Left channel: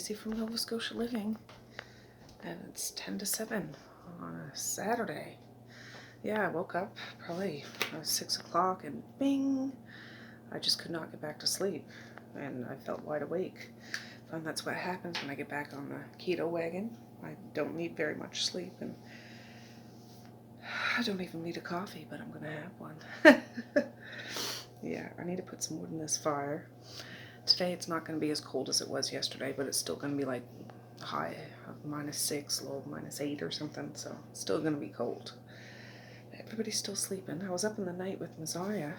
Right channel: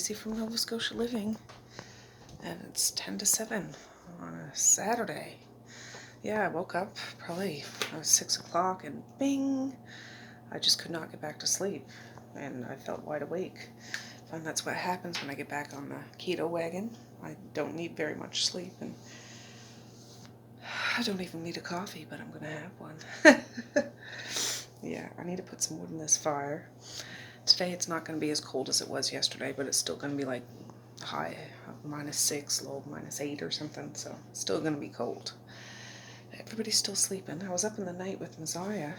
Tracey from Nova Scotia Living, and it's 10 to 7 on a Saturday. Yeah, I woke up probably 6 o'clock and bing, I just could not get back to sleep, and I felt wide awake. And that's what happens when I get back on the keto wagon. I don't need very much sleep, and I don't even need a coffee, but I'm gonna have one. Yeah, I need to put some wood in this fire. Today it's not going to be as cold as it was yesterday, but it's still going to be like high -6, low -8 or something, so it's still going to be cold. Everybody's still sleeping. I was up in the night with Messiah.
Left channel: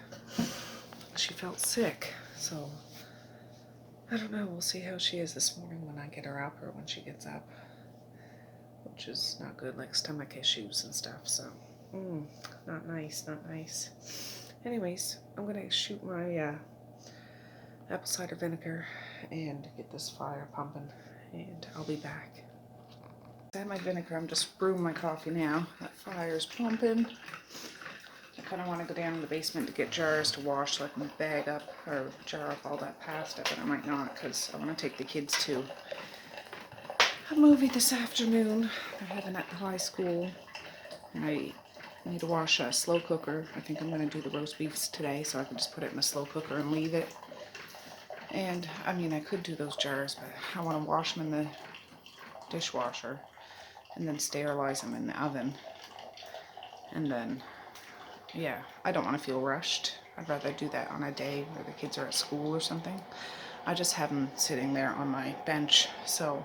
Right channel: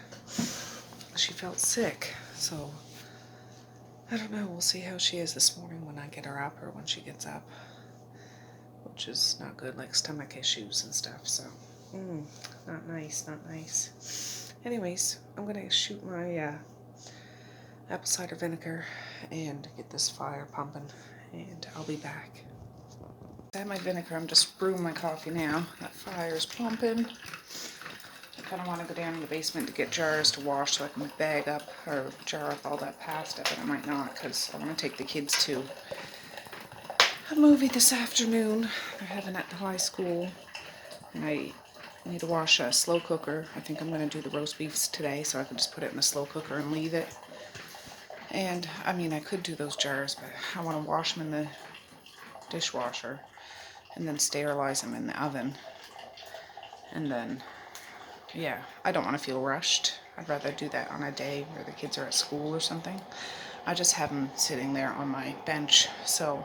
She felt sick, so I don't know. We'll see how she is this morning when I get her up or when she gets up, which is not good, like stomach issues and stuff, so not nice, not nice. Anyways, I'm going to shoot my apple cider vinegar and get this fire pumping, and I'll be back. I have my vinegar. I'm just brewing my coffee now. That fire's pumping. I kind of want to go down in the basement to get jars to wash so I can bag up or jar up all that pasta, but I might not because I want to take the kids to a movie this afternoon. They're having at the high school, and I need to wash a slow cooker. I think I'm going to do the roast beefs today, so I can just put it in the slow cooker and leave it. And, I mean, I could do those jars, but I want to wash them in the dishwasher and then sterilize them in the oven. And then, yeah, I don't want to feel rushed. I'd rather do that on a day where the kids are at school or something. I just have them sitting there on my bench, so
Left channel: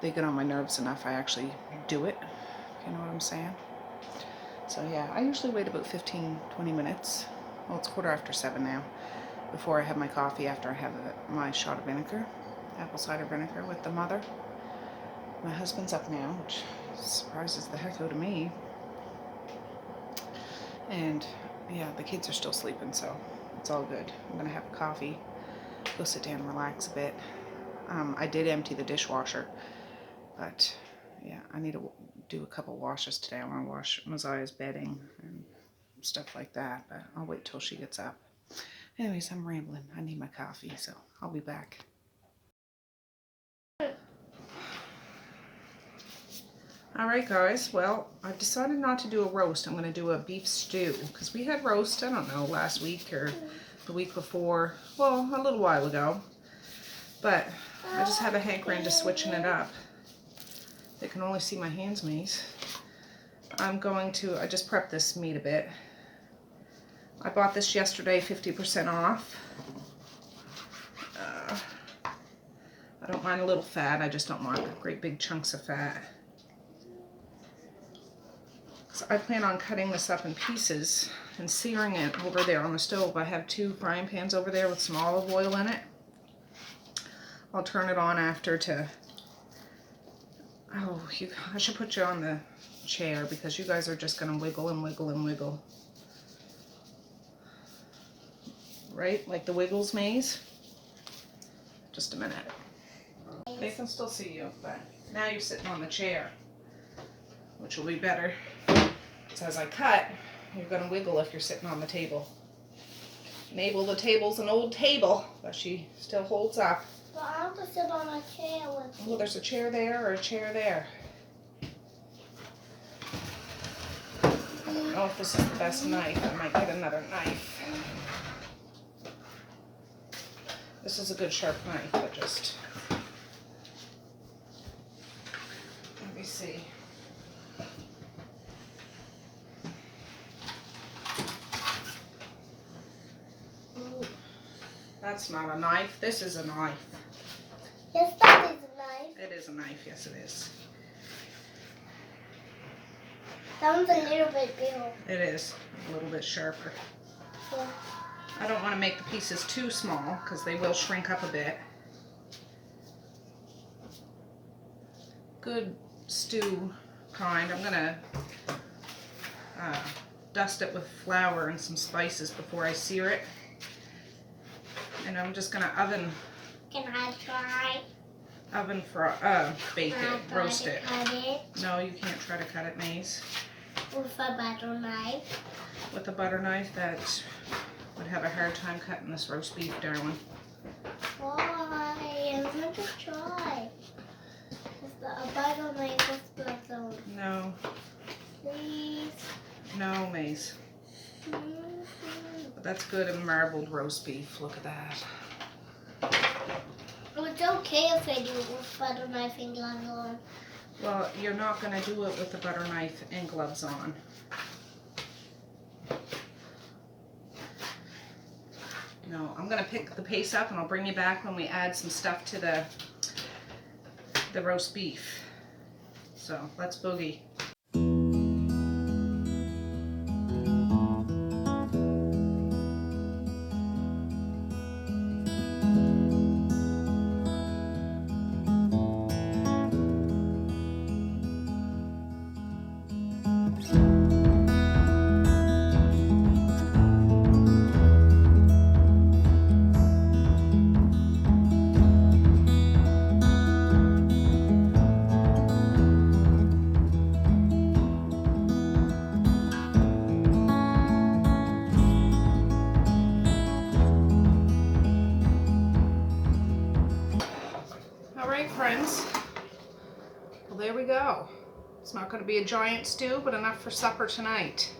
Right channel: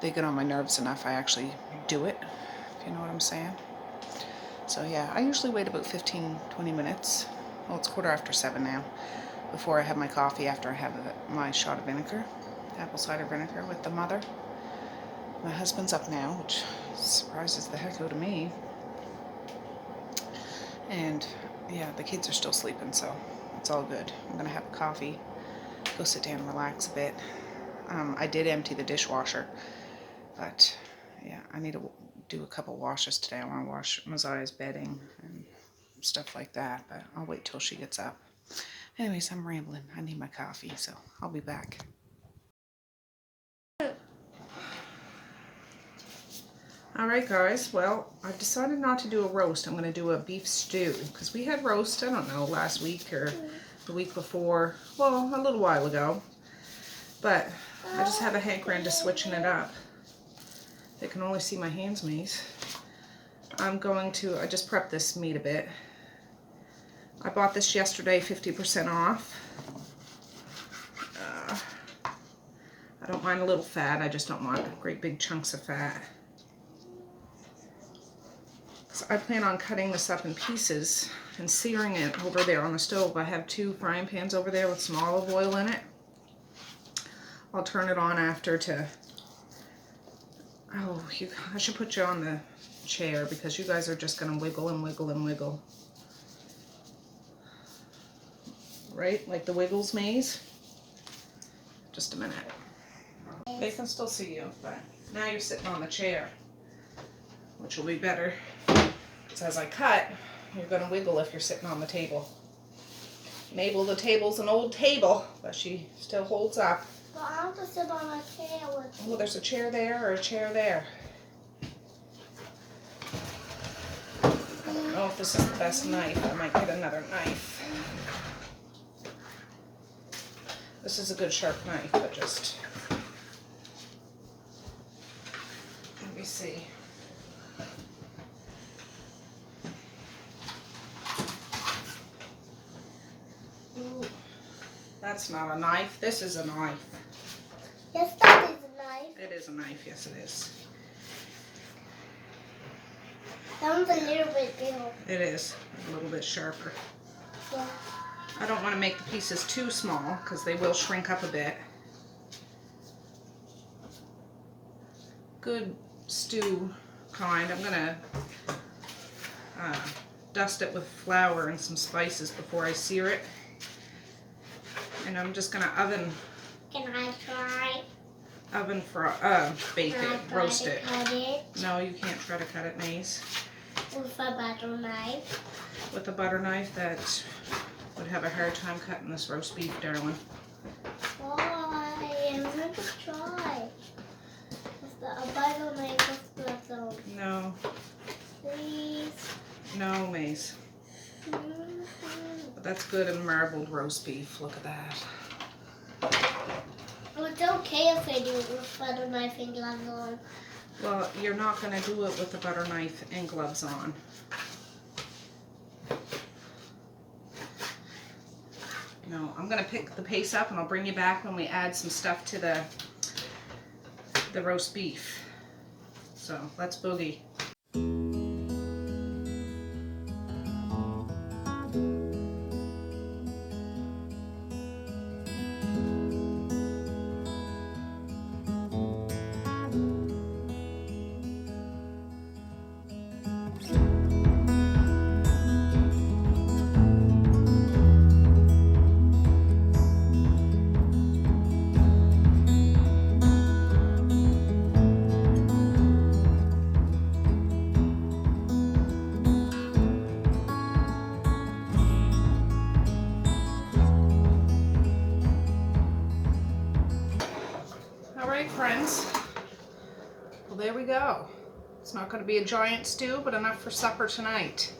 they get on my nerves enough. I actually do it, if you know what I'm saying. So, yeah, I usually wait about 15-20 minutes. Well, it's 7:15 now. Before I have my coffee, after I have my shot of vinegar, apple cider vinegar with the mother. My husband's up now, which surprises the heck out of me. And yeah, the kids are still sleeping, so it's all good. I'm gonna have a coffee, go sit down and relax a bit. I did empty the dishwasher, but yeah, I need to do a couple washes today. I want to wash Messiah's bedding and stuff like that, but I'll wait till she gets up. Anyways, I'm rambling. I need my coffee, so I'll be back. Alright guys, well, I've decided not to do a roast. I'm going to do a beef stew, because we had roast, I don't know, last week or the week before, well, a little while ago. But I just have a hankering to switching it up. They can only see my hands, maze. I just prepped this meat a bit. I bought this yesterday, 50% off. I don't mind a little fat, I just don't want great big chunks of fat. So I plan on cutting this up in pieces and searing it over there on the stove. I have 2 frying pans over there with some olive oil in it. I'll turn it on after to... Oh, I should put you on the chair because you guys are just going to wiggle and wiggle and wiggle. Right? Like the Wiggles maze? Just a minute. They can still see you, but now you're sitting on the chair, which will be better. Because as I cut, you're going to wiggle if you're sitting on the table. Mabel, the table's an old table, but she still holds up. Well, I want to sit on a chair with you. Well, there's a chair there or a chair there. I don't know if this is the best knife. I might get another knife. This is a good sharp knife, but just... Let me see. Ooh, that's not a knife. This is a knife. Yes, that is a knife. It is a knife. Yes, it is. That one's a little bit bigger. It is a little bit sharper. Yeah. I don't want to make the pieces too small because they will shrink up a bit. Good stew kind. I'm going to dust it with flour and some spices before I sear it. And I'm just going to Can I try? Bake it, roast it. Cut it No, you can't try to cut it, Maze. with a butter knife. With a butter knife, that would have a hard time cutting this roast beef, darling. Why? just try. A bite on my gloves on. No. Please. No, Mace. But that's good in marbled roast beef. Look at that. Oh, it's okay if I do it with butter knife and gloves on. Well, you're not going to do it with the butter knife and gloves on. No, I'm going to pick the pace up and I'll bring you back when we add some stuff to the roast beef. So let's boogie. Friends, well, there we go. It's not going to be a giant stew, but enough for supper tonight.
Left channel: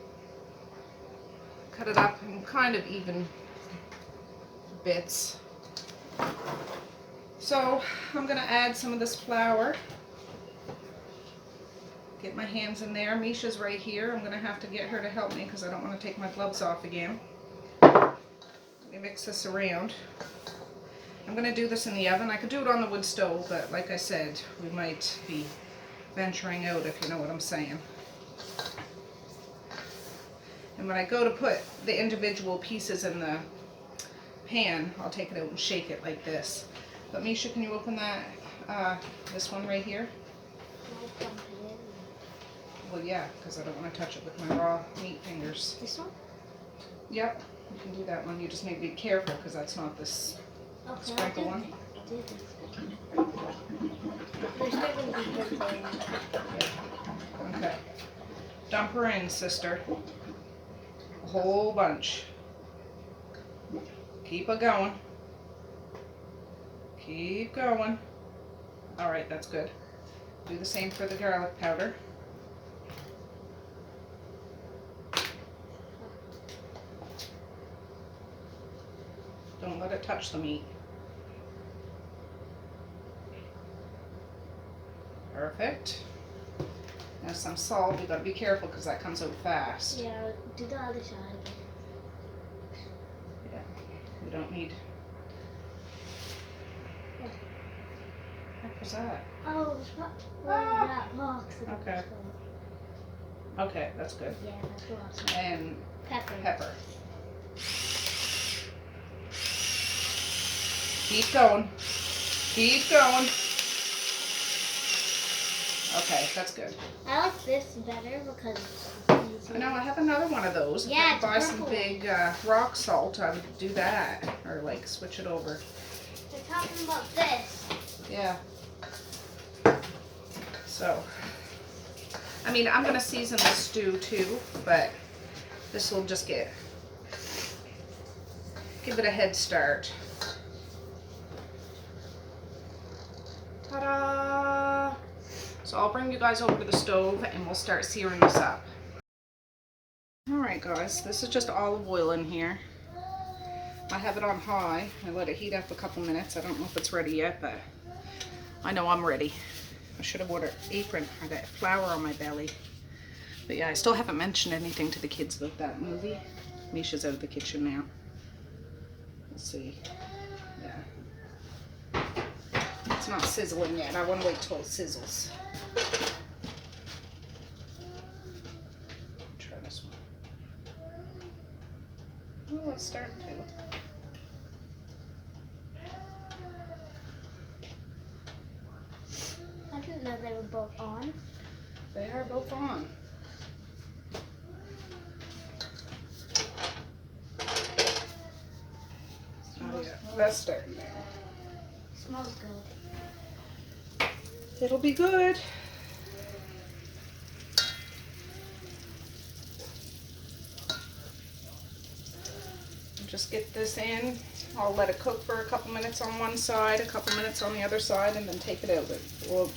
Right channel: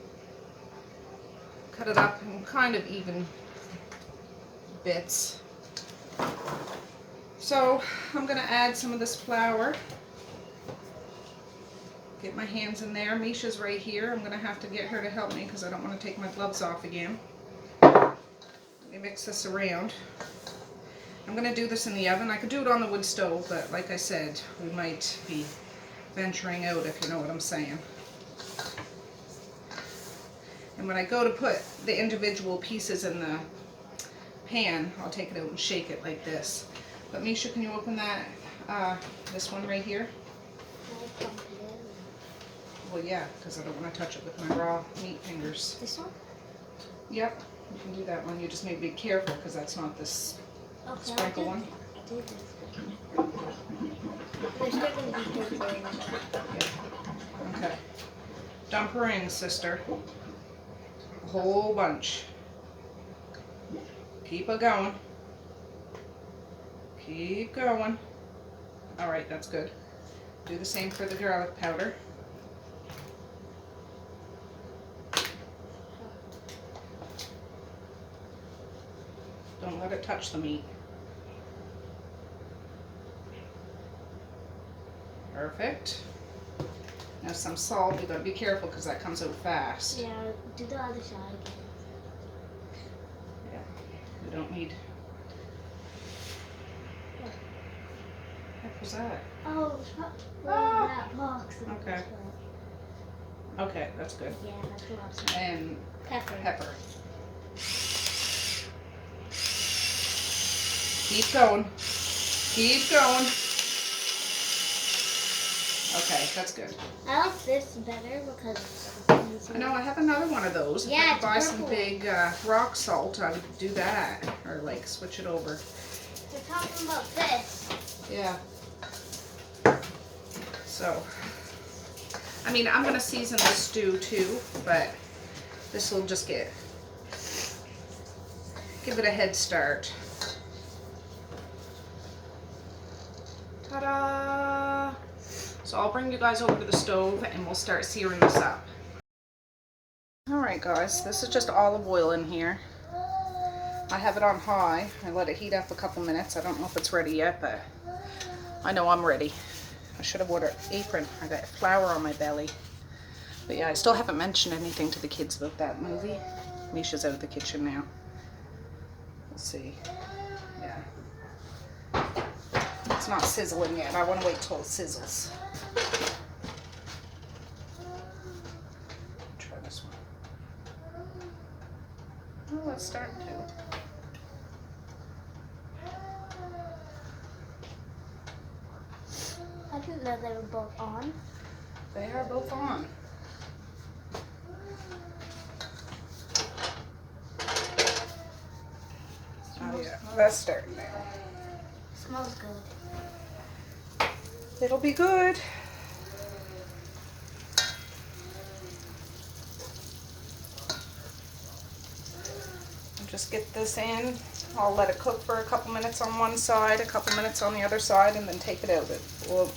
Cut it up in kind of even bits. So I'm going to add some of this flour. Get my hands in there. Misha's right here. I'm going to have to get her to help me because I don't want to take my gloves off again. Let me mix this around. I'm going to do this in the oven. I could do it on the wood stove, but like I said, we might be venturing out, if you know what I'm saying. And when I go to put the individual pieces in the pan, I'll take it out and shake it like this. But Misha, can you open that, this one right here? Well, yeah, because I don't want to touch it with my raw meat fingers. This one? Yep, you can do that one. You just need to be careful because that's not this sprinkle one. Okay. Dump her in, sister. A whole bunch. Keep it going. Keep going. Alright, that's good. Do the same for the garlic powder. Don't let it touch the meat. Perfect. Now some salt. You gotta be careful because that comes out fast. Yeah, do the other side again. Yeah, we don't need. Yeah. What was that? Oh, that box. Okay. Okay, that's good. Yeah, that's what I was saying. And pepper. Keep going. Keep going. Okay, that's good. I like this better because it's easier. I know I have another one of those. If I Yeah, could buy it's some purple. big rock salt, I would do that. Or like switch it over. We're talking about this. Yeah. So, I mean, I'm going to season the stew too, but this will just give it a head start. Ta-da! So I'll bring you guys over to the stove and we'll start searing this up. Alright guys, this is just olive oil in here. I have it on high. I let it heat up a couple minutes. I don't know if it's ready yet, but I know I'm ready. I should have worn an apron or that flour on my belly. But yeah, I still haven't mentioned anything to the kids about that movie. Misha's out of the kitchen now. Let's see. Yeah. It's not sizzling yet. I want to wait till it sizzles. Try this one. Oh, it's starting to. I didn't know they were both on. They are both on. Oh yeah, well, that's starting now. Smells good. It'll be good. I'm just get this in. I'll let it cook for a couple minutes on one side, a couple minutes on the other side, and then take it out. It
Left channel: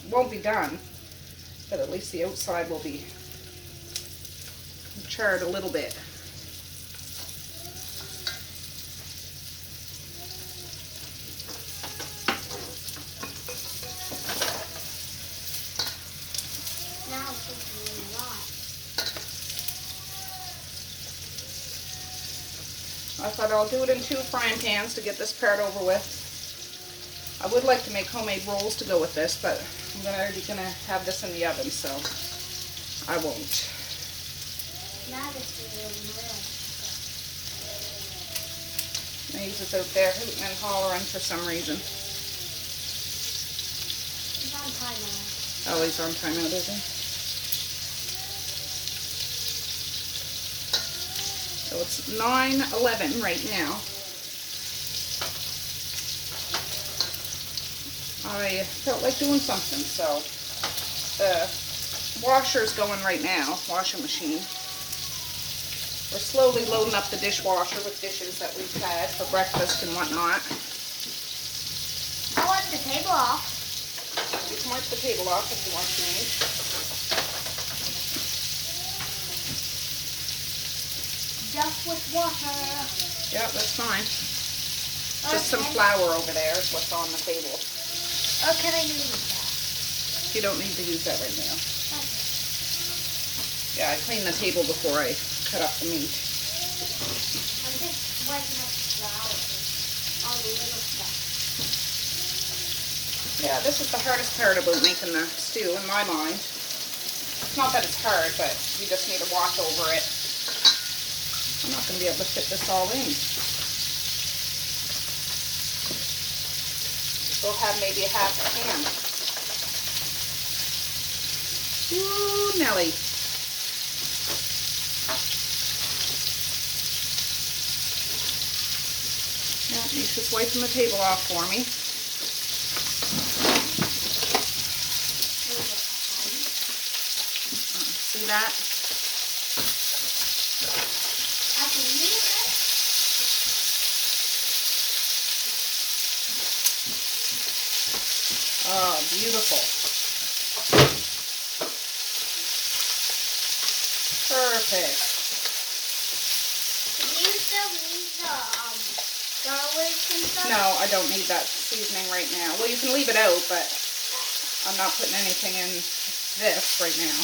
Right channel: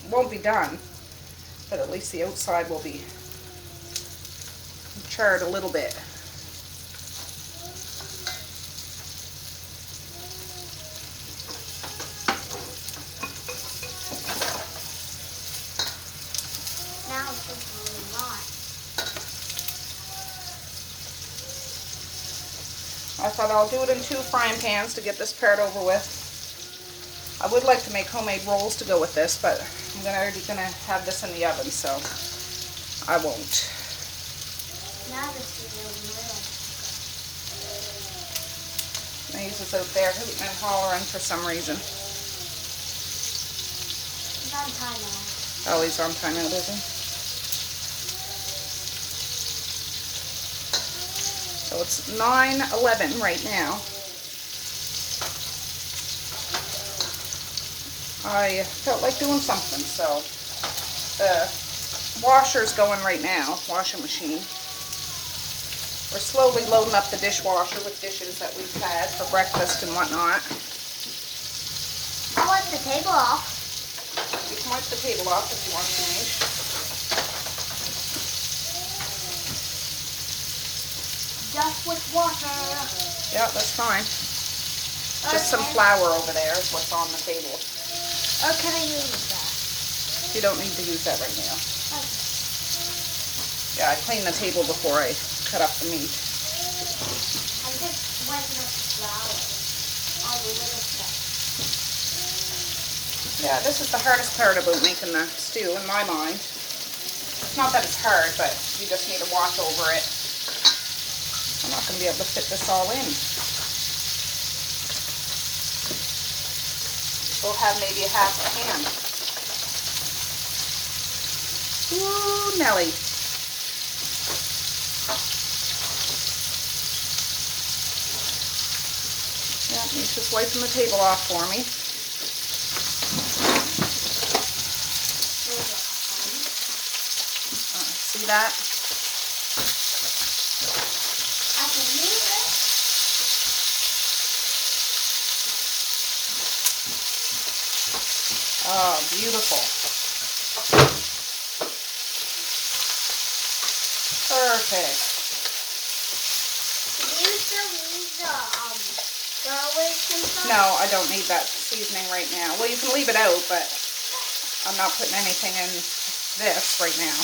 won't be done, but at least the outside will be charred a little bit. Now it's just really hot. I thought I'll do it in 2 frying pans to get this part over with. I would like to make homemade rolls to go with this, but I'm already gonna have this in the oven, so I won't. Now this is really little. Maze is out there hooting and hollering for some reason. It's on time now. Oh, he's on timeout, is he? So it's 9:11 right now. I felt like doing something, so the washer's going right now, washing machine. We're slowly loading up the dishwasher with dishes that we've had for breakfast and whatnot. I wipe the table off. You can wipe the table off if you want to. Just with water. Yeah, that's fine. Just some flour over there is what's on the table. Or can I use that? You don't need to use that right now. Okay. Yeah, I cleaned the table before I cut up the meat. I'm just wiping up the flour. All the little stuff. Yeah, this is the hardest part about making the stew in my mind. It's not that it's hard, but you just need to watch over it. I'm not going to be able to fit this all in. We'll have maybe a half a pan. Ooh, Nelly. Yeah, Misha's wiping the table off for me. See that? I can use it. Oh, beautiful. Perfect. Do you still need the garlic and stuff? No, I don't need that seasoning right now. Well, you can leave it out, but I'm not putting anything in this right now.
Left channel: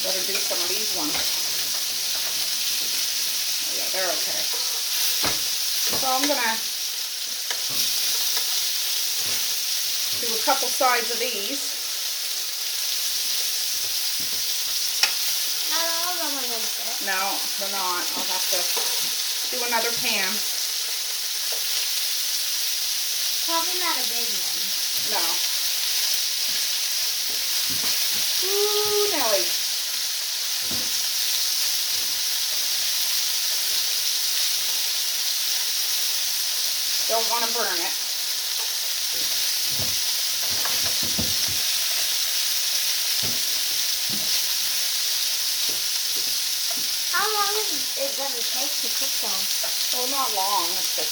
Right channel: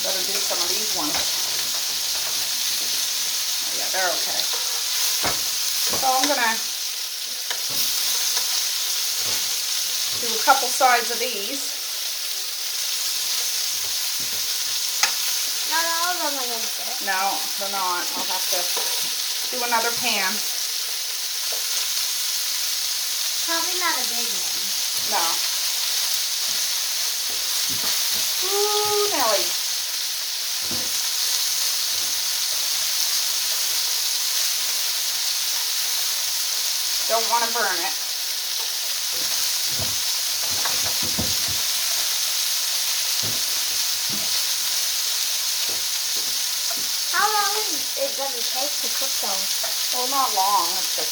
Better do some of these ones. Oh, yeah, they're okay. So I'm gonna do a couple sides of these. Not all of them are going to fit. No, they're not. I'll have to do another pan. Probably not a big one. No. Ooh, Nelly. Don't want to burn it. How long is it going to take to cook those? Well, not long. It's just...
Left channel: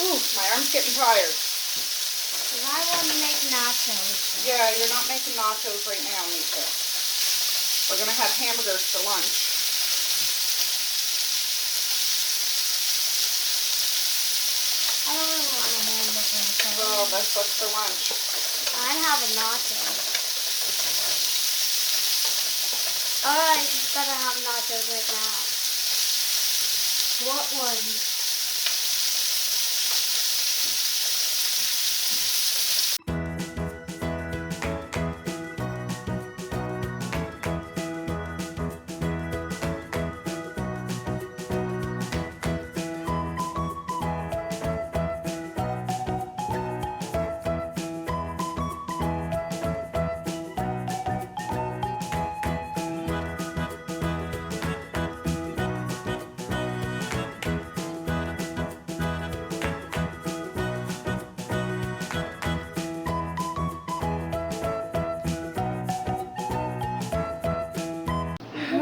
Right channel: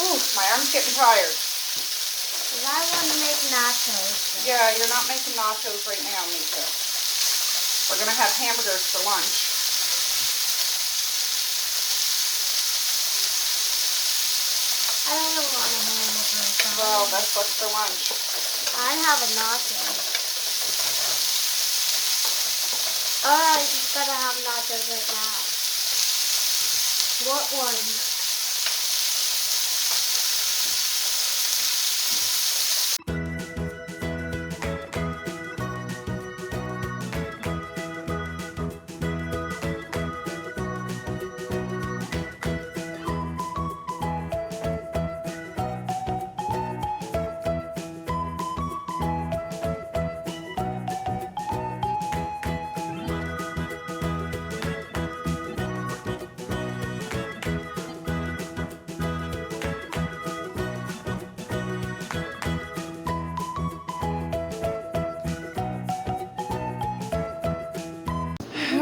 Ooh, my arm's getting tired. Because I want to make nachos. Yeah, you're not making nachos right now, Mika. We're going to have hamburgers for lunch. I don't want to have nachos. Well, that's what's for lunch. I have a nacho. Alright, you better have nachos right now. What one?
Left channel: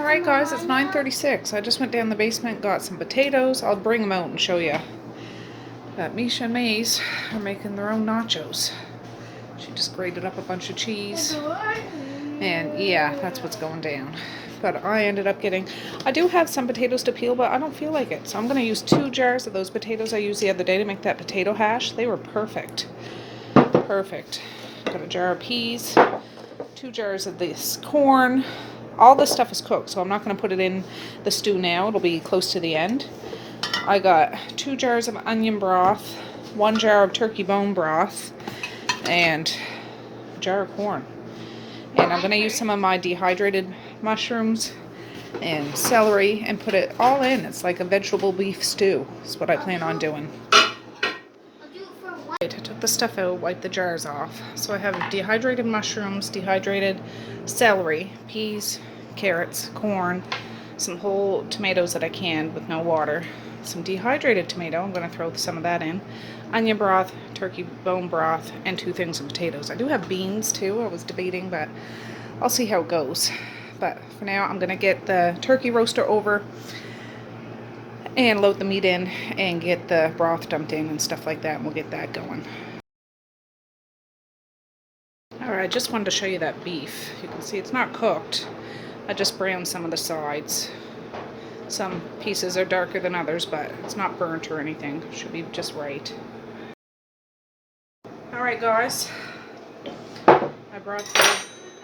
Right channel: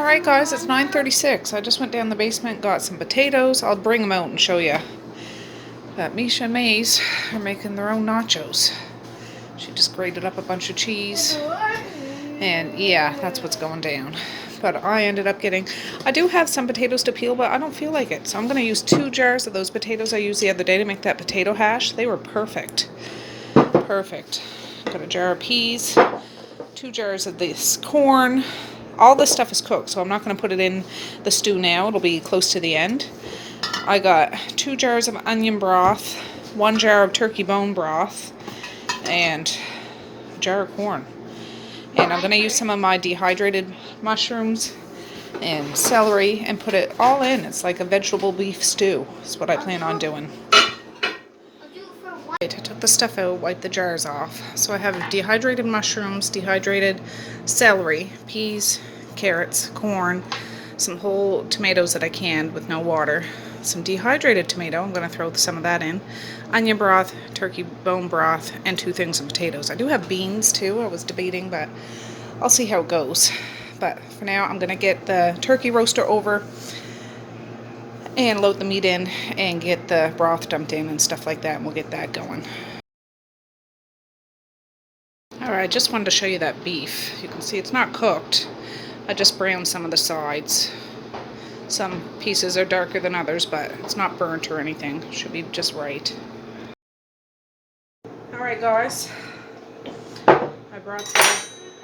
Alright guys, it's 9:36. I just went down the basement, got some potatoes. I'll bring them out and show you. But Misha and Maze are making their own nachos. She just grated up a bunch of cheese. And yeah, that's what's going down. But I ended up getting, I do have some potatoes to peel, but I don't feel like it. So I'm going to use 2 jars of those potatoes I used the other day to make that potato hash. They were perfect. Perfect. Got a jar of peas, 2 jars of this corn. All this stuff is cooked, so I'm not going to put it in the stew now. It'll be close to the end. I got 2 jars of onion broth, 1 jar of turkey bone broth, and a jar of corn. And I'm going to use some of my dehydrated mushrooms and celery and put it all in. It's like a vegetable beef stew. That's what I plan on doing. I took the stuff out, wiped the jars off. So I have dehydrated mushrooms, dehydrated celery, peas, carrots, corn, some whole tomatoes that I canned with no water, some dehydrated tomato, I'm going to throw some of that in, onion broth, turkey bone broth, and 2 things of potatoes. I do have beans too, I was debating, but I'll see how it goes. But for now, I'm going to get the turkey roaster over and load the meat in and get the broth dumped in and stuff like that, and we'll get that going. Alright, I just wanted to show you that beef. You can see it's not cooked. I just browned some of the sides. Some pieces are darker than others, but it's not burnt or anything. Should be just right. Alright guys, I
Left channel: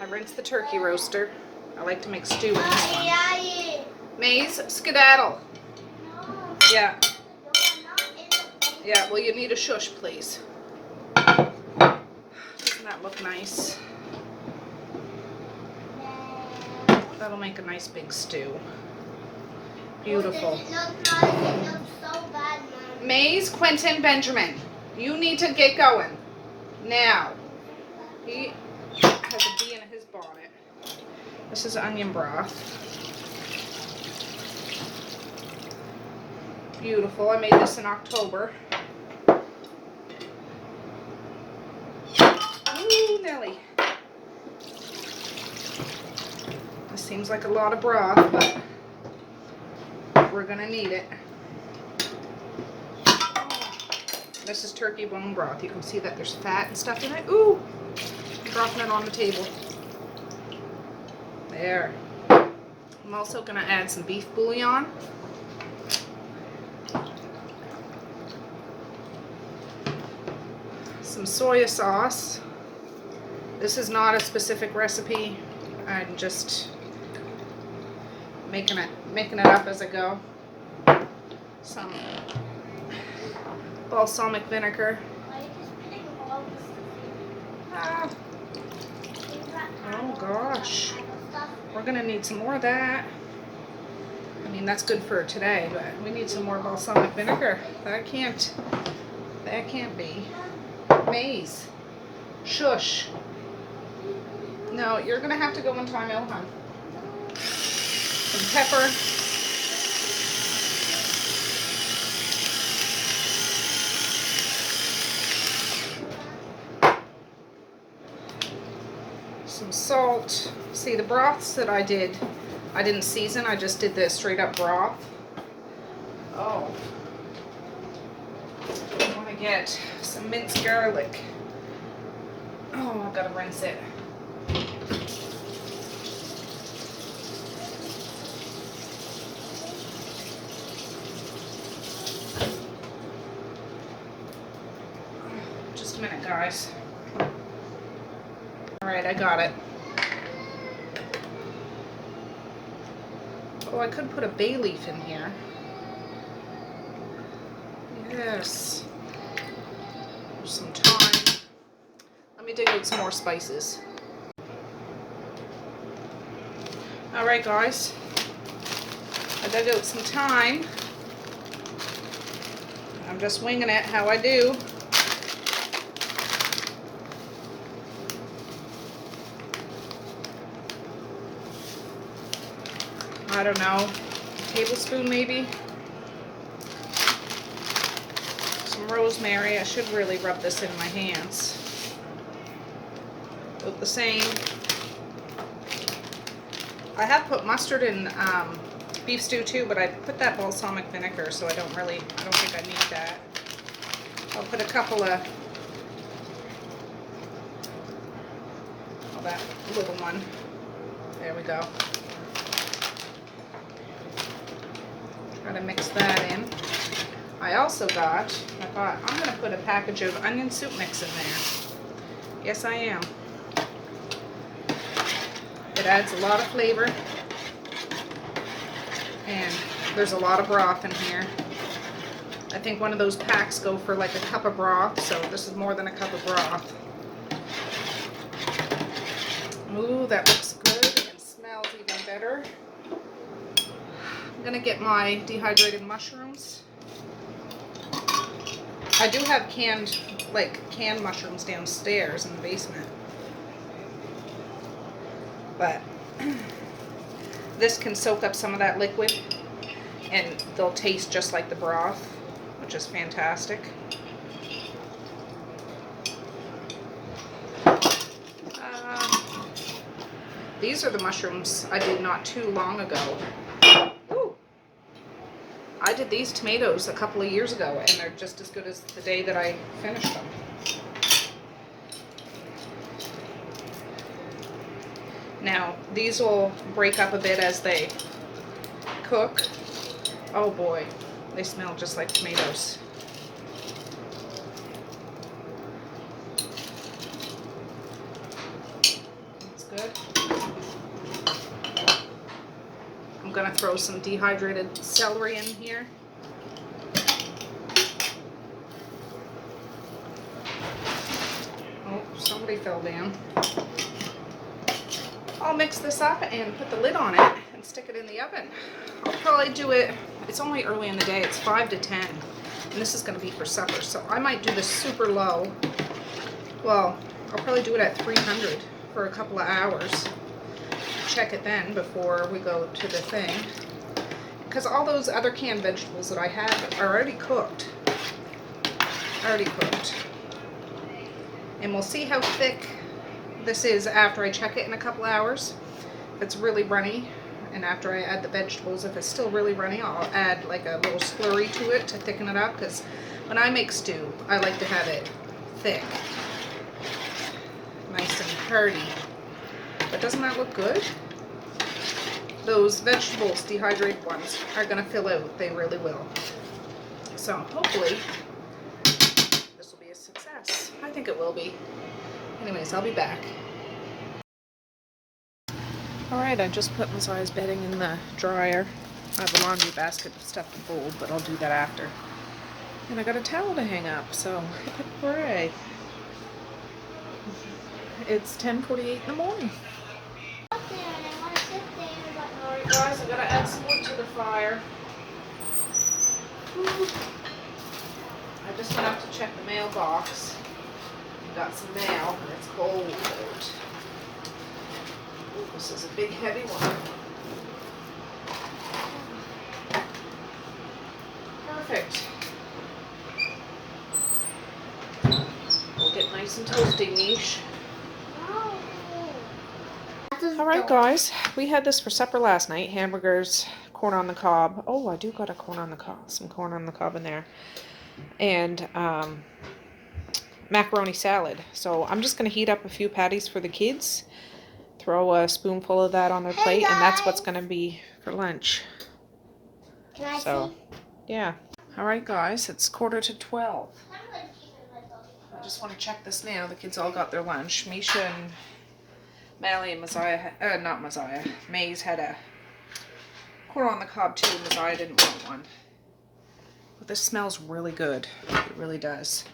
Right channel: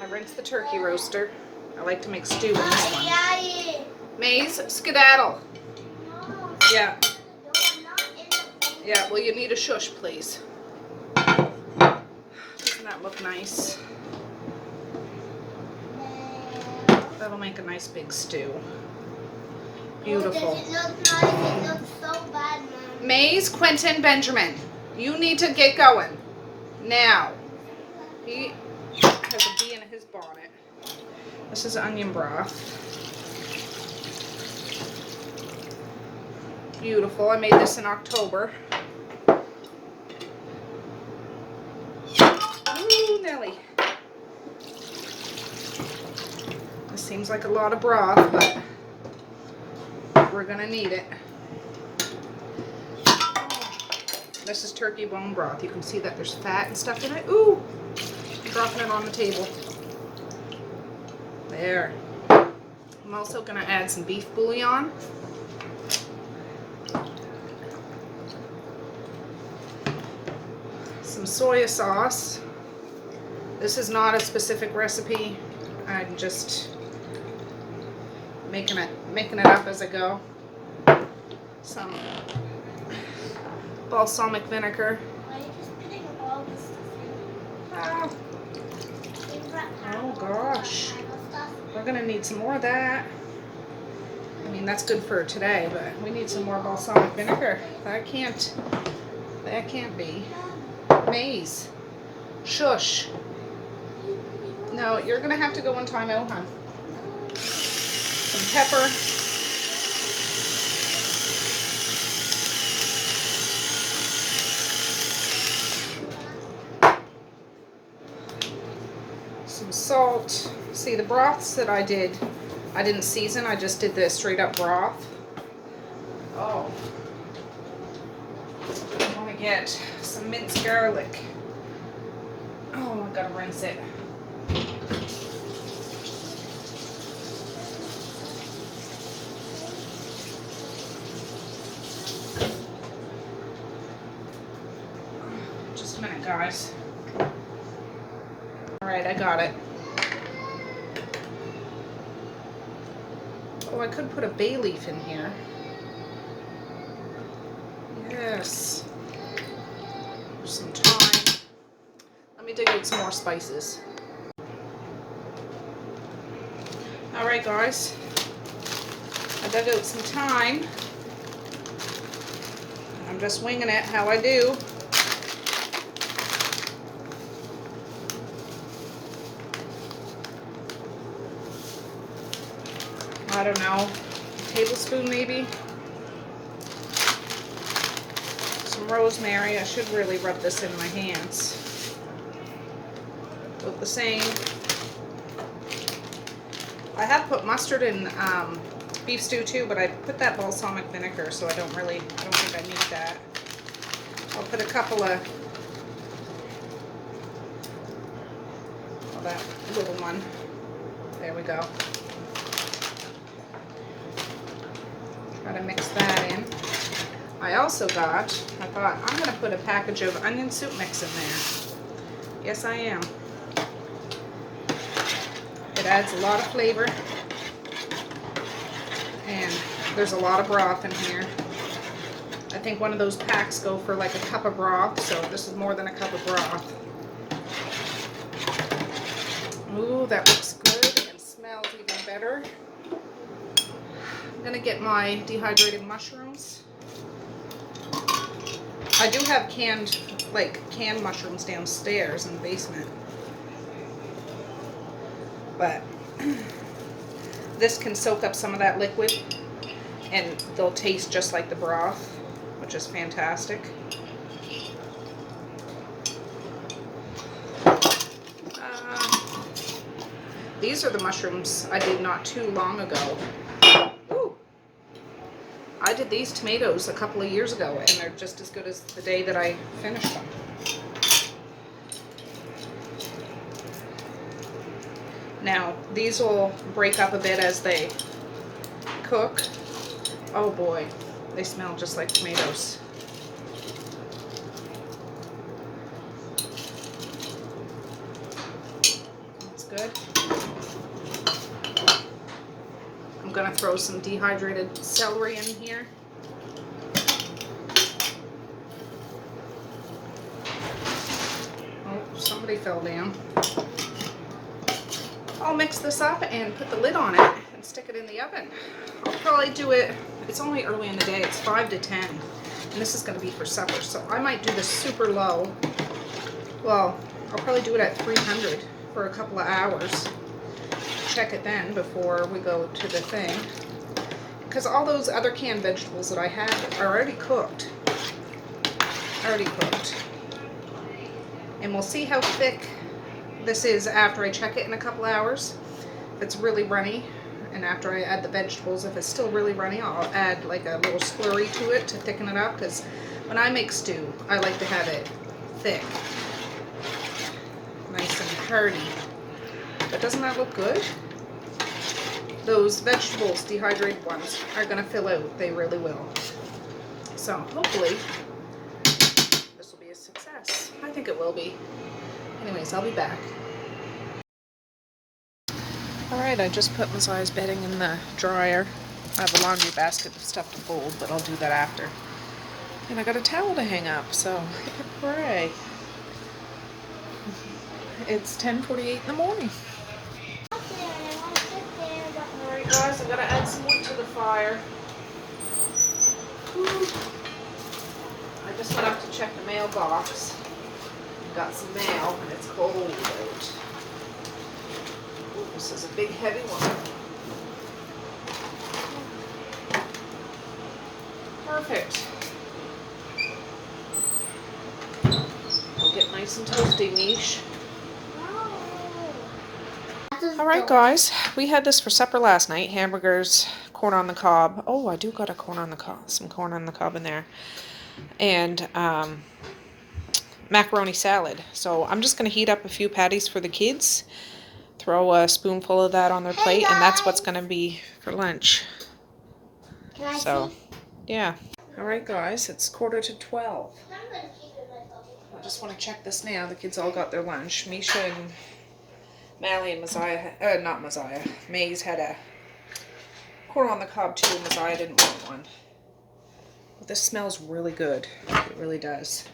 rinsed the turkey roaster. I like to make stew in this one. Maze, skedaddle. Yeah. Yeah, well you need a shush, please. Doesn't that look nice? That'll make a nice big stew. Beautiful. It looks so bad, Mom. Maze, Quentin, Benjamin, you need to get going. Now. He has a bee in his bonnet. This is onion broth. Beautiful. I made this in October. Ooh, Nelly. This seems like a lot of broth, but we're gonna need it. This is turkey bone broth. You can see that there's fat and stuff in it. Ooh! I'm dropping it on the table. There. I'm also gonna add some beef bouillon. Some soya sauce. This is not a specific recipe. I'm just making it up as I go. Some balsamic vinegar. Why are you just putting all this Ah, stuff in? oh gosh. We're gonna need some more of that. I mean, that's good for today, but we need some more balsamic vinegar. That can't be. Maze. Shush. No, you're gonna have to go in time out, hon. Some pepper. Some salt. See, the broths that I didn't season. I just did the straight up broth. Oh. I want to get some minced garlic. Oh, I've got to rinse it. Just a minute, guys. Alright, I got it. Oh, I could put a bay leaf in here. Yes. There's some thyme. Let me dig out some more spices. Alright guys, I dug out some thyme. I'm just winging it how I do. I don't know, a tablespoon maybe. Some rosemary. I should really rub this in my hands. About the same. I have put mustard in beef stew too, but I put that balsamic vinegar, so I don't think I need that. I'll put a couple of, well, that little one. There we go. Try to mix that in. I also got, I thought, I'm going to put a package of onion soup mix in there. Yes, I am. It adds a lot of flavor. And there's a lot of broth in here. I think one of those packs go for like a cup of broth, so this is more than a cup of broth. Ooh, that looks good and smells even better. I'm gonna get my dehydrated mushrooms. I do have canned mushrooms downstairs in the basement. But this can soak up some of that liquid and they'll taste just like the broth, which is fantastic. These are the mushrooms I did not too long ago. Ooh. I did these tomatoes a couple of years ago and they're just as good as the day that I finished them. Now, these will break up a bit as they cook. Oh boy, they smell just like tomatoes. That's good. I'm gonna throw some dehydrated celery in here. Oh, somebody fell down. I'll mix this up and put the lid on it and stick it in the oven. I'll probably do it, it's only early in the day, it's 5 to 10, and this is going to be for supper, so I might do this super low. Well, I'll probably do it at 300 for a couple of hours. Check it then before we go to the thing. Because all those other canned vegetables that I have are already cooked. And we'll see how thick this is after I check it in a couple hours. If it's really runny, and after I add the vegetables, if it's still really runny, I'll add like a little slurry to it to thicken it up, because when I make stew, I like to have it thick, nice and hearty. But doesn't that look good? Those vegetables, dehydrated ones, are going to fill out. They really will. So hopefully this will be a success. I think it will be. Anyways, I'll be back. Alright, I just put Messiah's bedding in the dryer. I have a laundry basket of stuff to fold, but I'll do that after. And I got a towel to hang up, so hooray. It's 10:48 in the morning. Alright guys, I gotta add some wood to the fire. I just went up to check the mailbox. Got some mail, and it's cold out. Ooh, this is a big heavy one. Perfect. It'll get nice and toasty, Mish. Alright guys, we had this for supper last night. Hamburgers, corn on the cob. Oh, I do got a corn on the cob, some corn on the cob in there. And macaroni salad. So I'm just going to heat up a few patties for the kids. Throw a spoonful of that on their plate, and that's what's going to be for lunch. Can I So, see? yeah. Alright guys, it's 11:45. I just want to check this now. The kids all got their lunch. Misha and Mally and Messiah, not Messiah, Maze had a corn on the cob too. Messiah didn't want one. But this smells really good. It really does.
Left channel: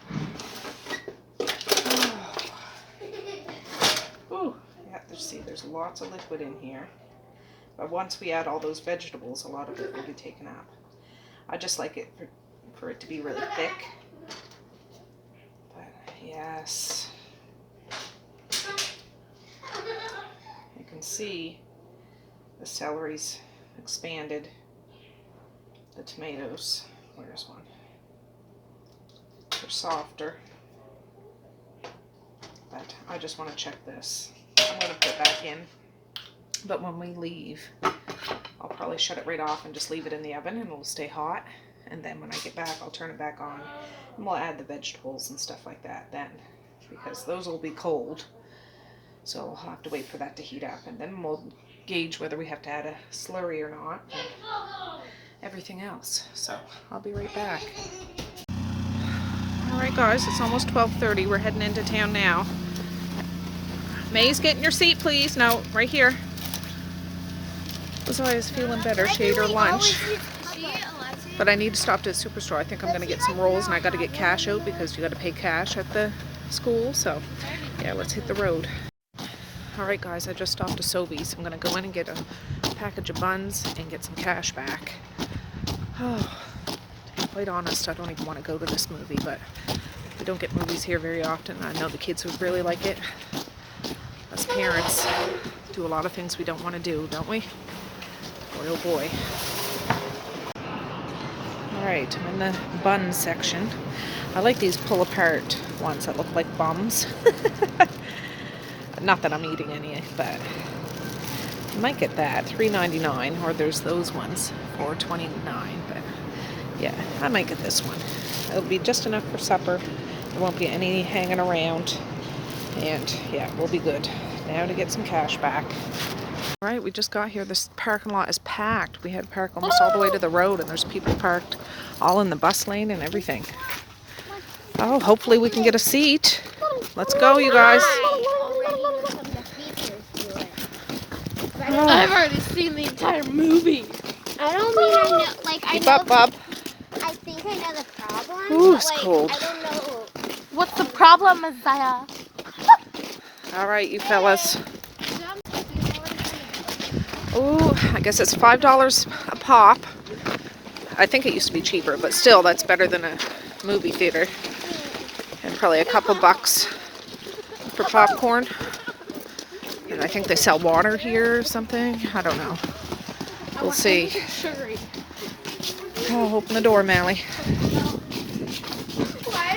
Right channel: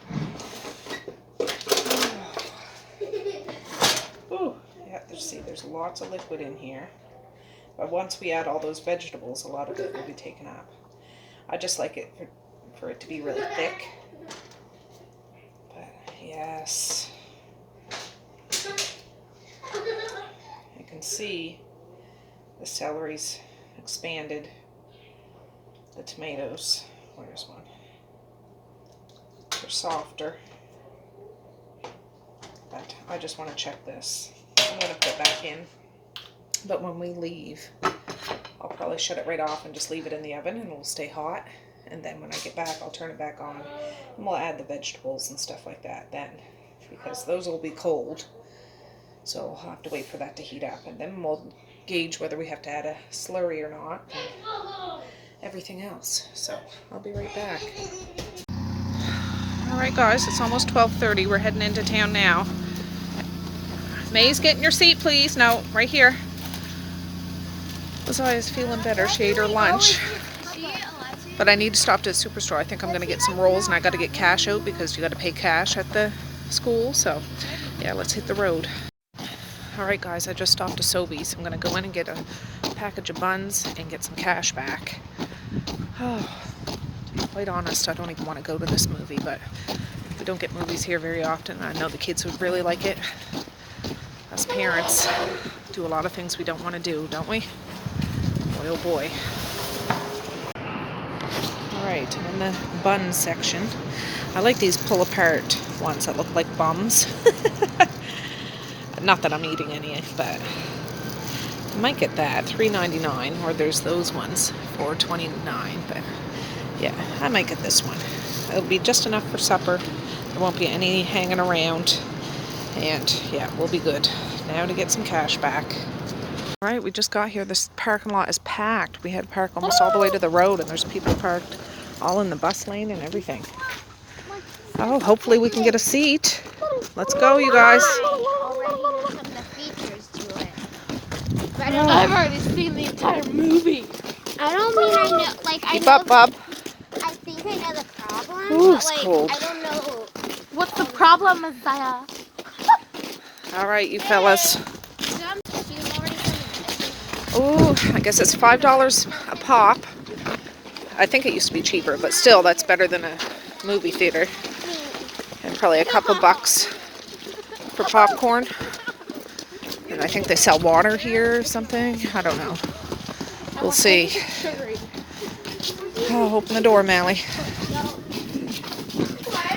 Oh, yeah, see, there's lots of liquid in here. But once we add all those vegetables, a lot of it will be taken up. I just like it for it to be really thick. But yes. You can see the celery's expanded. The tomatoes, where's one? They're softer. But I just want to check this. I'm going to put back in But when we leave, I'll probably shut it right off and just leave it in the oven and it'll stay hot. And then when I get back, I'll turn it back on and we'll add the vegetables and stuff like that then, because those will be cold. So I'll have to wait for that to heat up, and then we'll gauge whether we have to add a slurry or not and everything else. So I'll be right back. All right, guys, it's almost 12:30. We're heading into town now. May's, get in your seat, please. No, right here. Liza's feeling better. She ate her lunch. But I need to stop to the superstore. I think I'm going to get some rolls, and I got to get cash out because you got to pay cash at the school. So, yeah, let's hit the road. All right, guys, I just stopped to Sobeys. I'm going to go in and get a package of buns and get some cash back. Oh, to be quite honest, I don't even want to go to this movie, but we don't get movies here very often. I know the kids would really like it. Us parents do a lot of things we don't want to do, don't we? Boy, oh boy. Alright, I'm in the bun section. I like these pull-apart ones that look like bums. Not that I'm eating any, but I might get that. $3.99, or there's those ones for $4.29. But yeah, I might get this one. It'll be just enough for supper. There won't be any hanging around. And yeah, we'll be good. Now to get some cash back. All right, we just got here. This parking lot is packed. We had to park almost all the way to the road, and there's people parked all in the bus lane and everything. Oh, hopefully we can get a seat. Let's go, you guys. Oh. I've already seen the entire movie. I don't mean I know, like, Keep up, Bob. I think I know the problem. Ooh, it's like, cold. I don't know. What's the problem, Isaiah? All right, you fellas. Oh, I guess it's $5 a pop. I think it used to be cheaper, but still, that's better than a movie theater. And probably a couple bucks for popcorn. And I think they sell water here or something. I don't know. We'll see. Oh, open the door, Mally.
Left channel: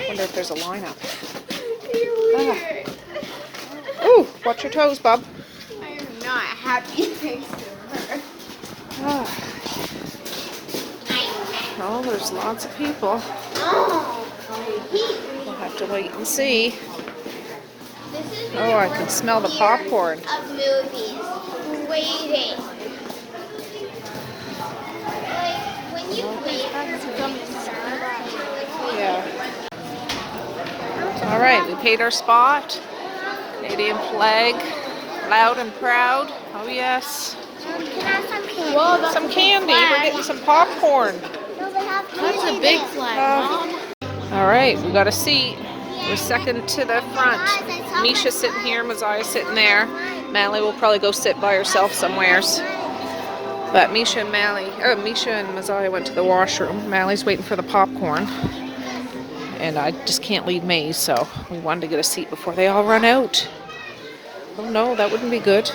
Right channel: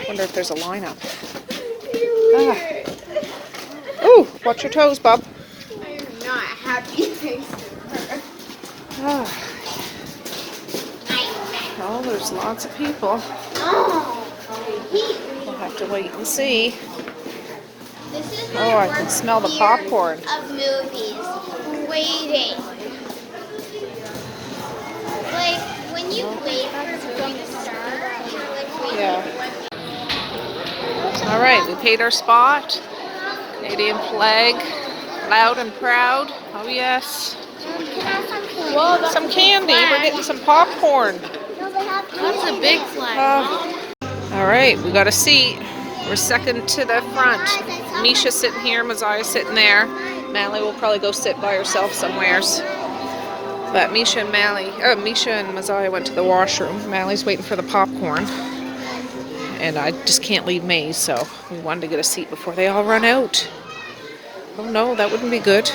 Wonder if there's a lineup. Oh, watch your toes, Bob. I am not happy thanks to her. Oh, there's lots of people. We'll have to wait and see. Oh, I can smell the popcorn. Of movies. Waiting. Like, when you wait for something to start, you're like waiting. Yeah. All right, we paid our spot. Canadian flag, loud and proud. Oh yes. Can I have Some candy. We're getting some popcorn. No, they have that's a big flag. All right, we got a seat. We're second to the front. Misha's sitting here, Messiah's sitting there. Mally will probably go sit by herself somewheres. But Misha and Messiah went to the washroom. Mally's waiting for the popcorn. And I just can't leave Maze, so we wanted to get a seat before they all run out. Oh no, that wouldn't be good.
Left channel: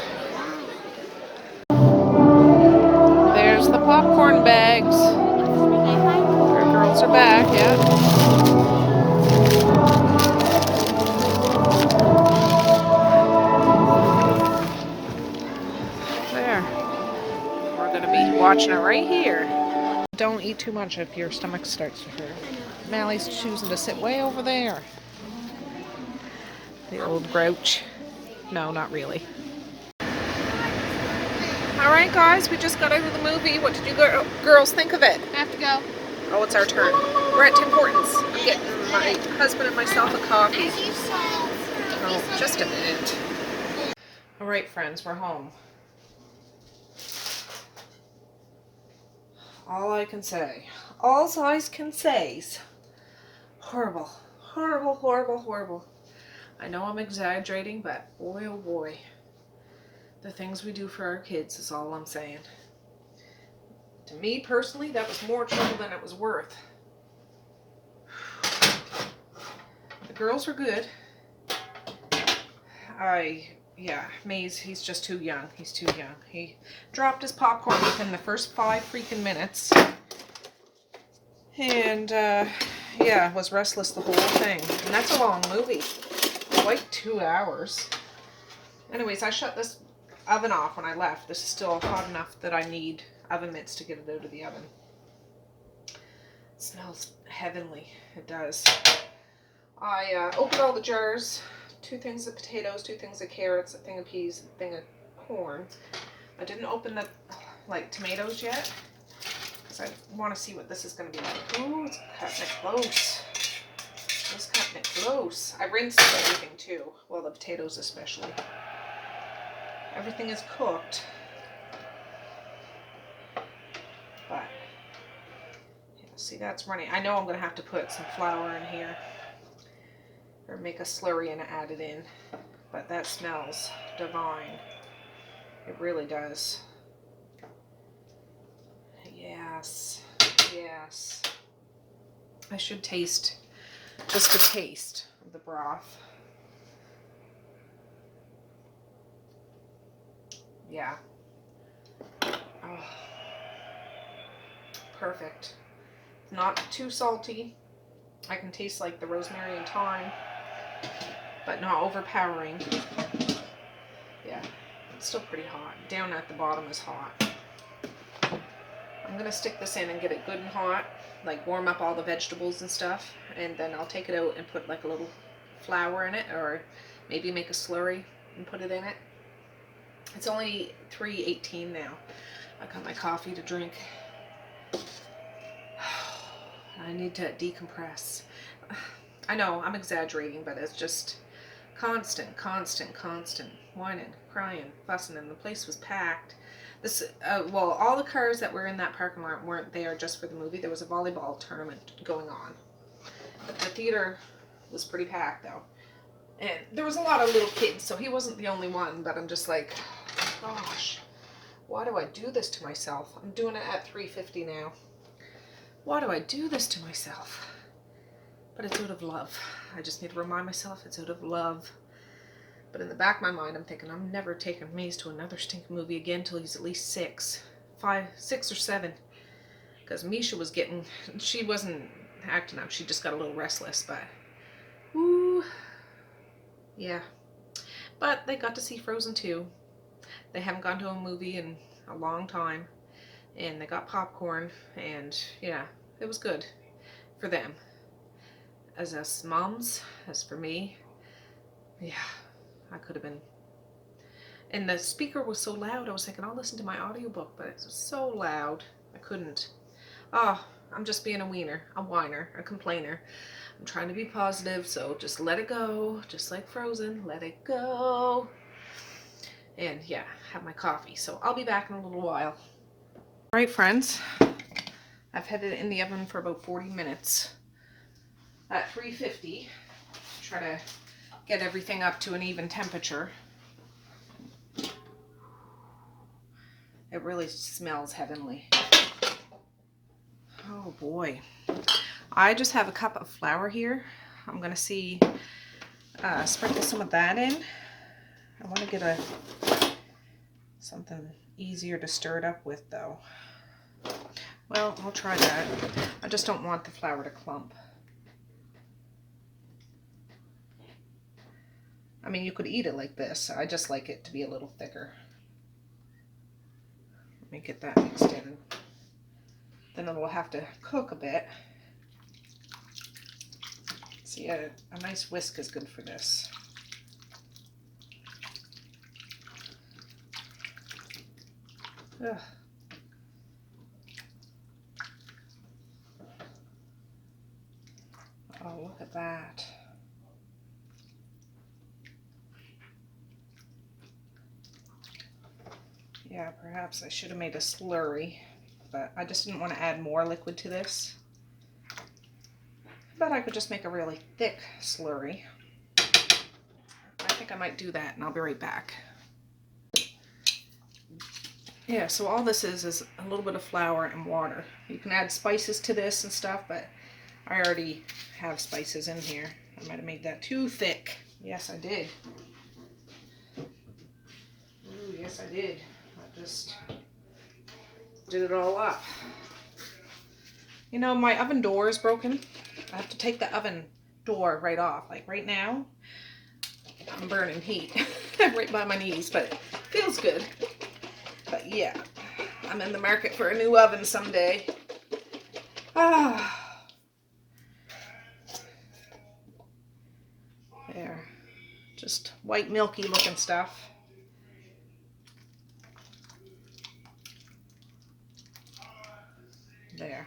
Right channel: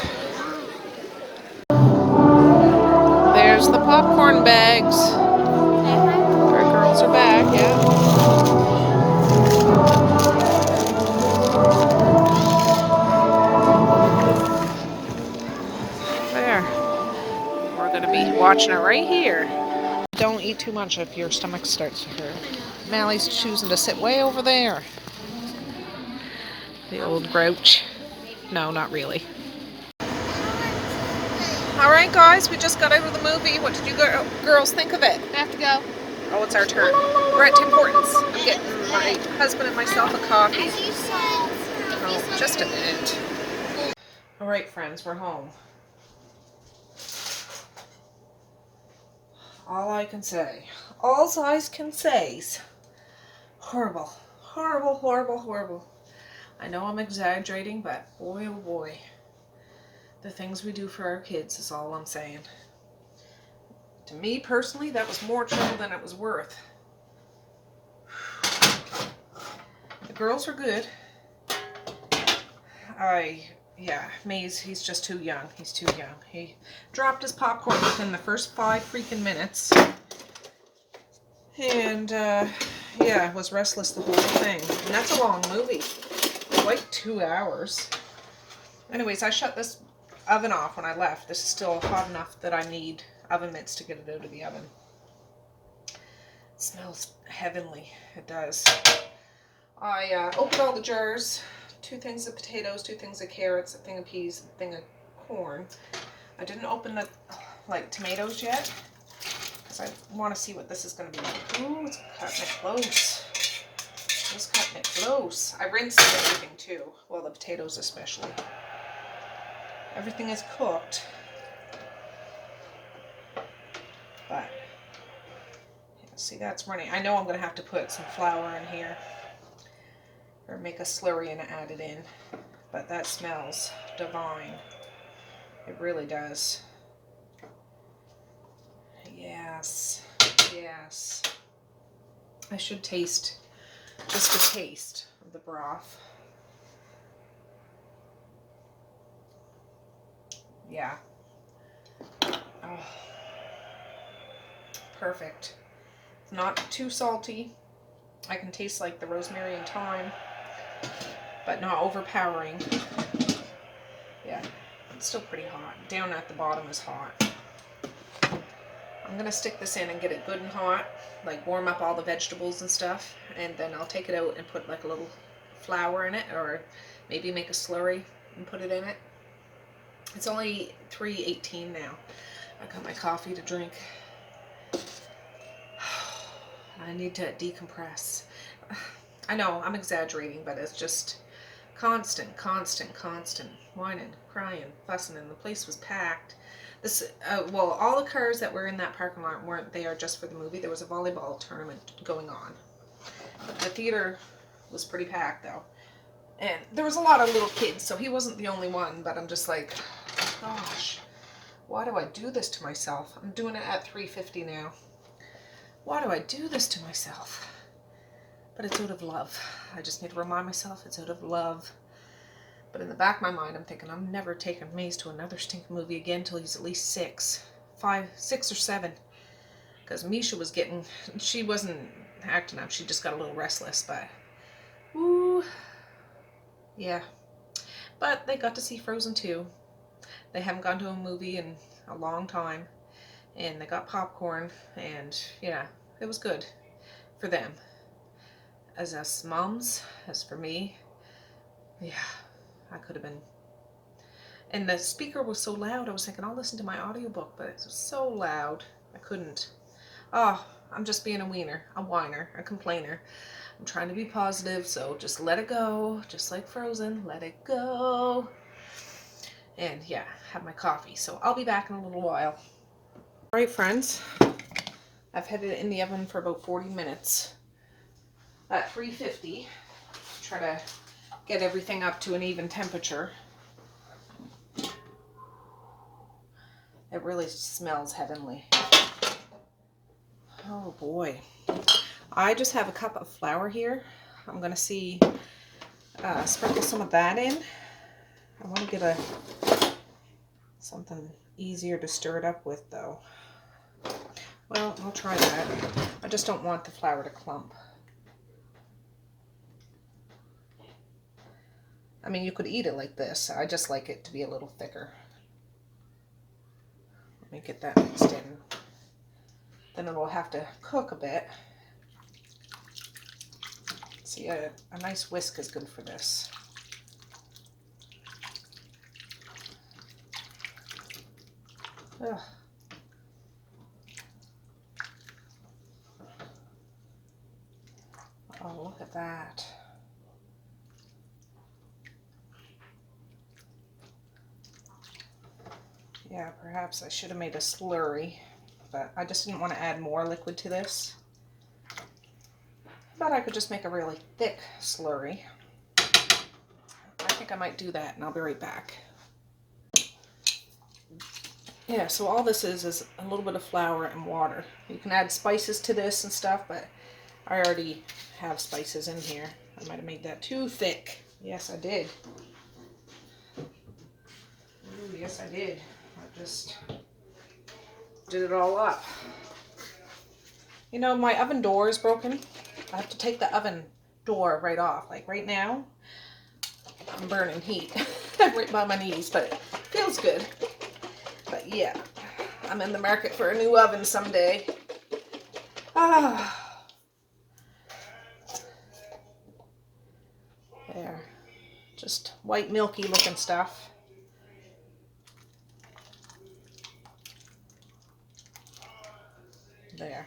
There's the popcorn bags. Our girls are back, yeah. There. We're going to be watching it right here. Don't eat too much if your stomach starts to hurt. Mally's choosing to sit way over there. The old grouch. No, not really. Alright guys, we just got out of the movie. What did you girls think of it? We have to go. Oh, it's our turn. We're at Tim Hortons. I'm getting my husband and myself a coffee. Oh, just a minute. Alright friends, we're home. All I can say is horrible, horrible, horrible, horrible. I know I'm exaggerating, but boy, oh boy, the things we do for our kids is all I'm saying. To me personally, that was more trouble than it was worth. The girls were good. Yeah, Maze, he's just too young. He's too young. He dropped his popcorn within the first 5 freaking minutes. And, yeah, was restless the whole thing. And that's a long movie. Like 2 hours. Anyways, I shut this oven off when I left. This is still hot enough that I need oven mitts to get it out of the oven. It smells heavenly. It does. I opened all the jars. 2 things of potatoes, 2 things of carrots, a thing of peas, a thing of corn. I didn't open the tomatoes yet because I want to see what this is going to be like. Ooh, it's cutting it close. It's cutting it close. I rinsed everything too. Well, the potatoes especially. Everything is cooked. But, yeah, see, that's running. I know I'm going to have to put some flour in here. Or make a slurry and add it in. But that smells divine. It really does. Yes. Yes. I should taste just a taste of the broth. Yeah. Oh. Perfect. It's not too salty. I can taste like the rosemary and thyme, but not overpowering. Yeah, it's still pretty hot. Down at the bottom is hot. I'm gonna stick this in and get it good and hot, like warm up all the vegetables and stuff, and then I'll take it out and put like a little flour in it, or maybe make a slurry and put it in it. It's only 3:18 now. I got my coffee to drink. I need to decompress. I know I'm exaggerating, but it's just constant whining, crying, fussing, and the place was packed. This, well, all the cars that were in that parking lot weren't there just for the movie. There was a volleyball tournament going on. The theater was pretty packed though, and there was a lot of little kids, so he wasn't the only one. But I'm just like, gosh, why do I do this to myself? I'm doing it at 3:50 now. Why do I do this to myself? But it's out of love. I just need to remind myself it's out of love. But in the back of my mind, I'm thinking I'm never taking Maze to another stinking movie again until he's at least 6 or 7. Because Misha was getting, she wasn't acting up. She just got a little restless. But, woo, yeah. But they got to see Frozen 2. They haven't gone to a movie in a long time. And they got popcorn, and yeah, it was good for them. As us moms, as for me, yeah, I could have been. And the speaker was so loud, I was thinking I'll listen to my audiobook, but it was so loud, I couldn't. Oh, I'm just being a whiner, a complainer. I'm trying to be positive, so just let it go, just like Frozen, let it go. And yeah, have my coffee. So I'll be back in a little while. Alright friends, I've had it in the oven for about 40 minutes at 350. Try to get everything up to an even temperature. It really smells heavenly. Oh boy. I just have a cup of flour here. I'm going to sprinkle some of that in. I want to get something easier to stir it up with though. Well, I'll try that. I just don't want the flour to clump. I mean, you could eat it like this. I just like it to be a little thicker. Let me get that mixed in. Then it'll have to cook a bit. See, a nice whisk is good for this. Ugh. Oh, look at that. Yeah, perhaps I should have made a slurry, but I just didn't want to add more liquid to this. But I could just make a really thick slurry. I think I might do that, and I'll be right back. Yeah, so all this is a little bit of flour and water. You can add spices to this and stuff, but I already have spices in here. I might have made that too thick. Yes, I did. Ooh, yes, I did. I just did it all up. You know, my oven door is broken. I have to take the oven door right off. Like right now, I'm burning heat right by my knees, but feels good. But yeah, I'm in the market for a new oven someday. Ah, there, just white milky looking stuff. There.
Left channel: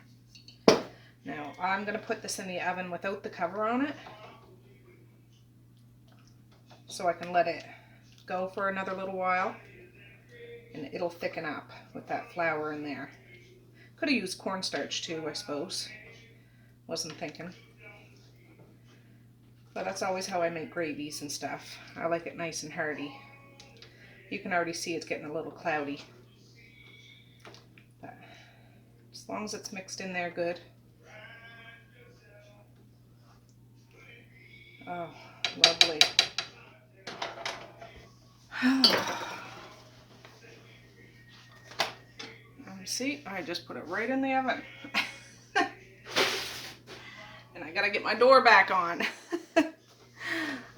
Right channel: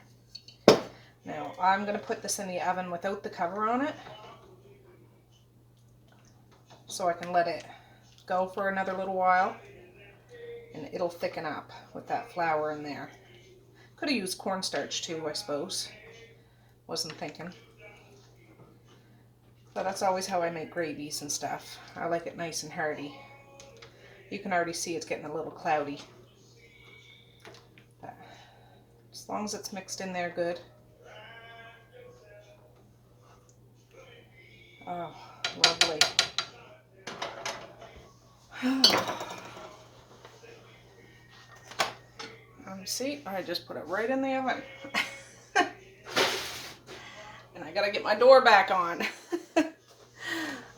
Now I'm going to put this in the oven without the cover on it, so I can let it go for another little while, and it'll thicken up with that flour in there. Could have used cornstarch too, I suppose. Wasn't thinking. But that's always how I make gravies and stuff. I like it nice and hearty. You can already see it's getting a little cloudy. But as long as it's mixed in there good. Oh, lovely. See, I just put it right in the oven. And I gotta get my door back on.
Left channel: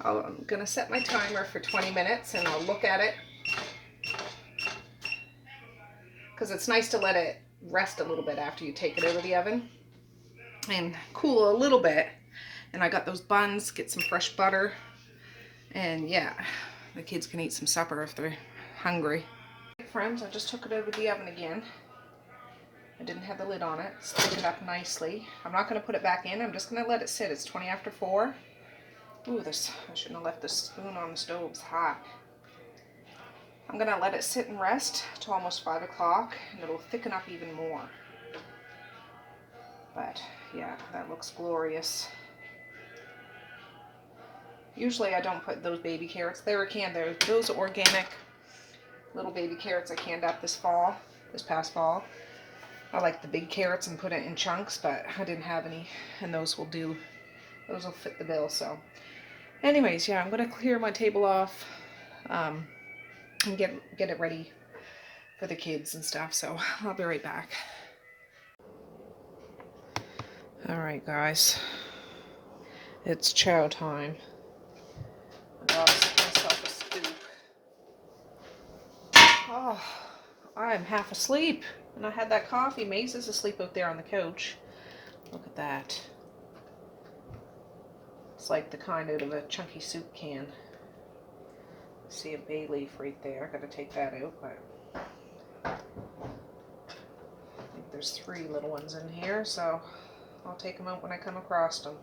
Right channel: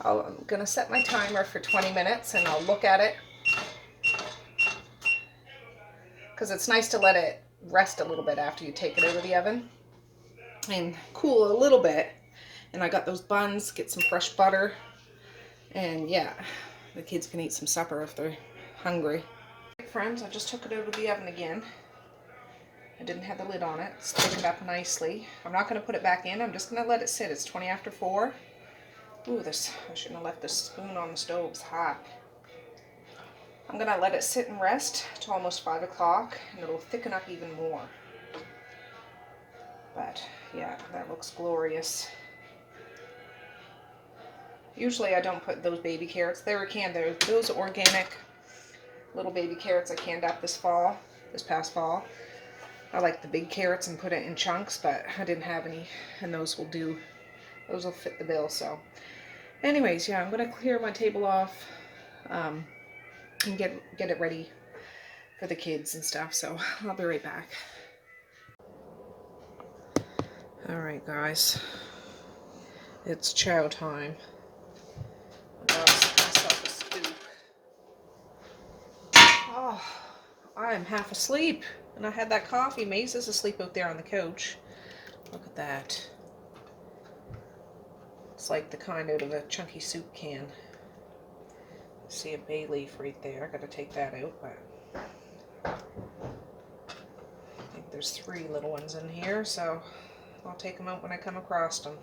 I'm gonna set my timer for 20 minutes and I'll look at it. Because it's nice to let it rest a little bit after you take it out of the oven. And cool a little bit. And I got those buns, get some fresh butter. And yeah, the kids can eat some supper if they're hungry. Friends, I just took it out of the oven again. I didn't have the lid on it. It's thickened up nicely. I'm not going to put it back in. I'm just going to let it sit. It's 20 after 4. Ooh, I shouldn't have left the spoon on the stove. It's hot. I'm going to let it sit and rest till almost 5 o'clock, and it'll thicken up even more. But yeah, that looks glorious. Usually I don't put those baby carrots. They were canned. Those organic little baby carrots I canned up this past fall. I like the big carrots and put it in chunks, but I didn't have any, and those will fit the bill. So anyways, yeah, I'm going to clear my table off and get it ready for the kids and stuff, so I'll be right back. Alright guys, it's chow time. I got myself a scoop. Oh, I'm half asleep. And I had that coffee. Maze is asleep out there on the couch. Look at that. It's like the kind out of a chunky soup can. See a bay leaf right there. I gotta take that out, but I think there's 3 little ones in here, so I'll take them out when I come across them.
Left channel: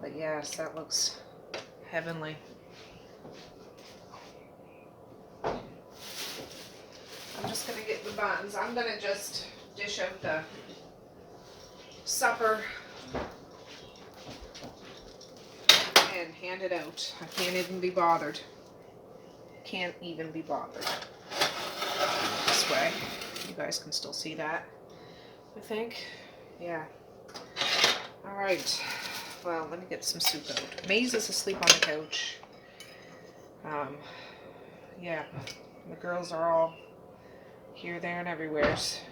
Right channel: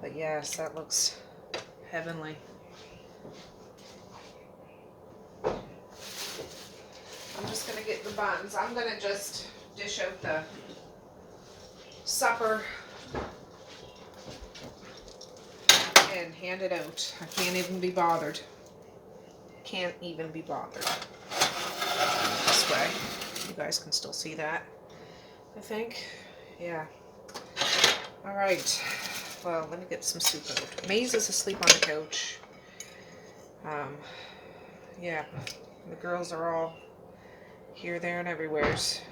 But yes, that looks heavenly. I'm just going to get the buns. I'm going to just dish out the supper and hand it out. I can't even be bothered. Can't even be bothered. This way. You guys can still see that, I think. Yeah. Alright. Well, let me get some soup out. Maze is asleep on the couch. Yeah. The girls are all here, there, and everywheres.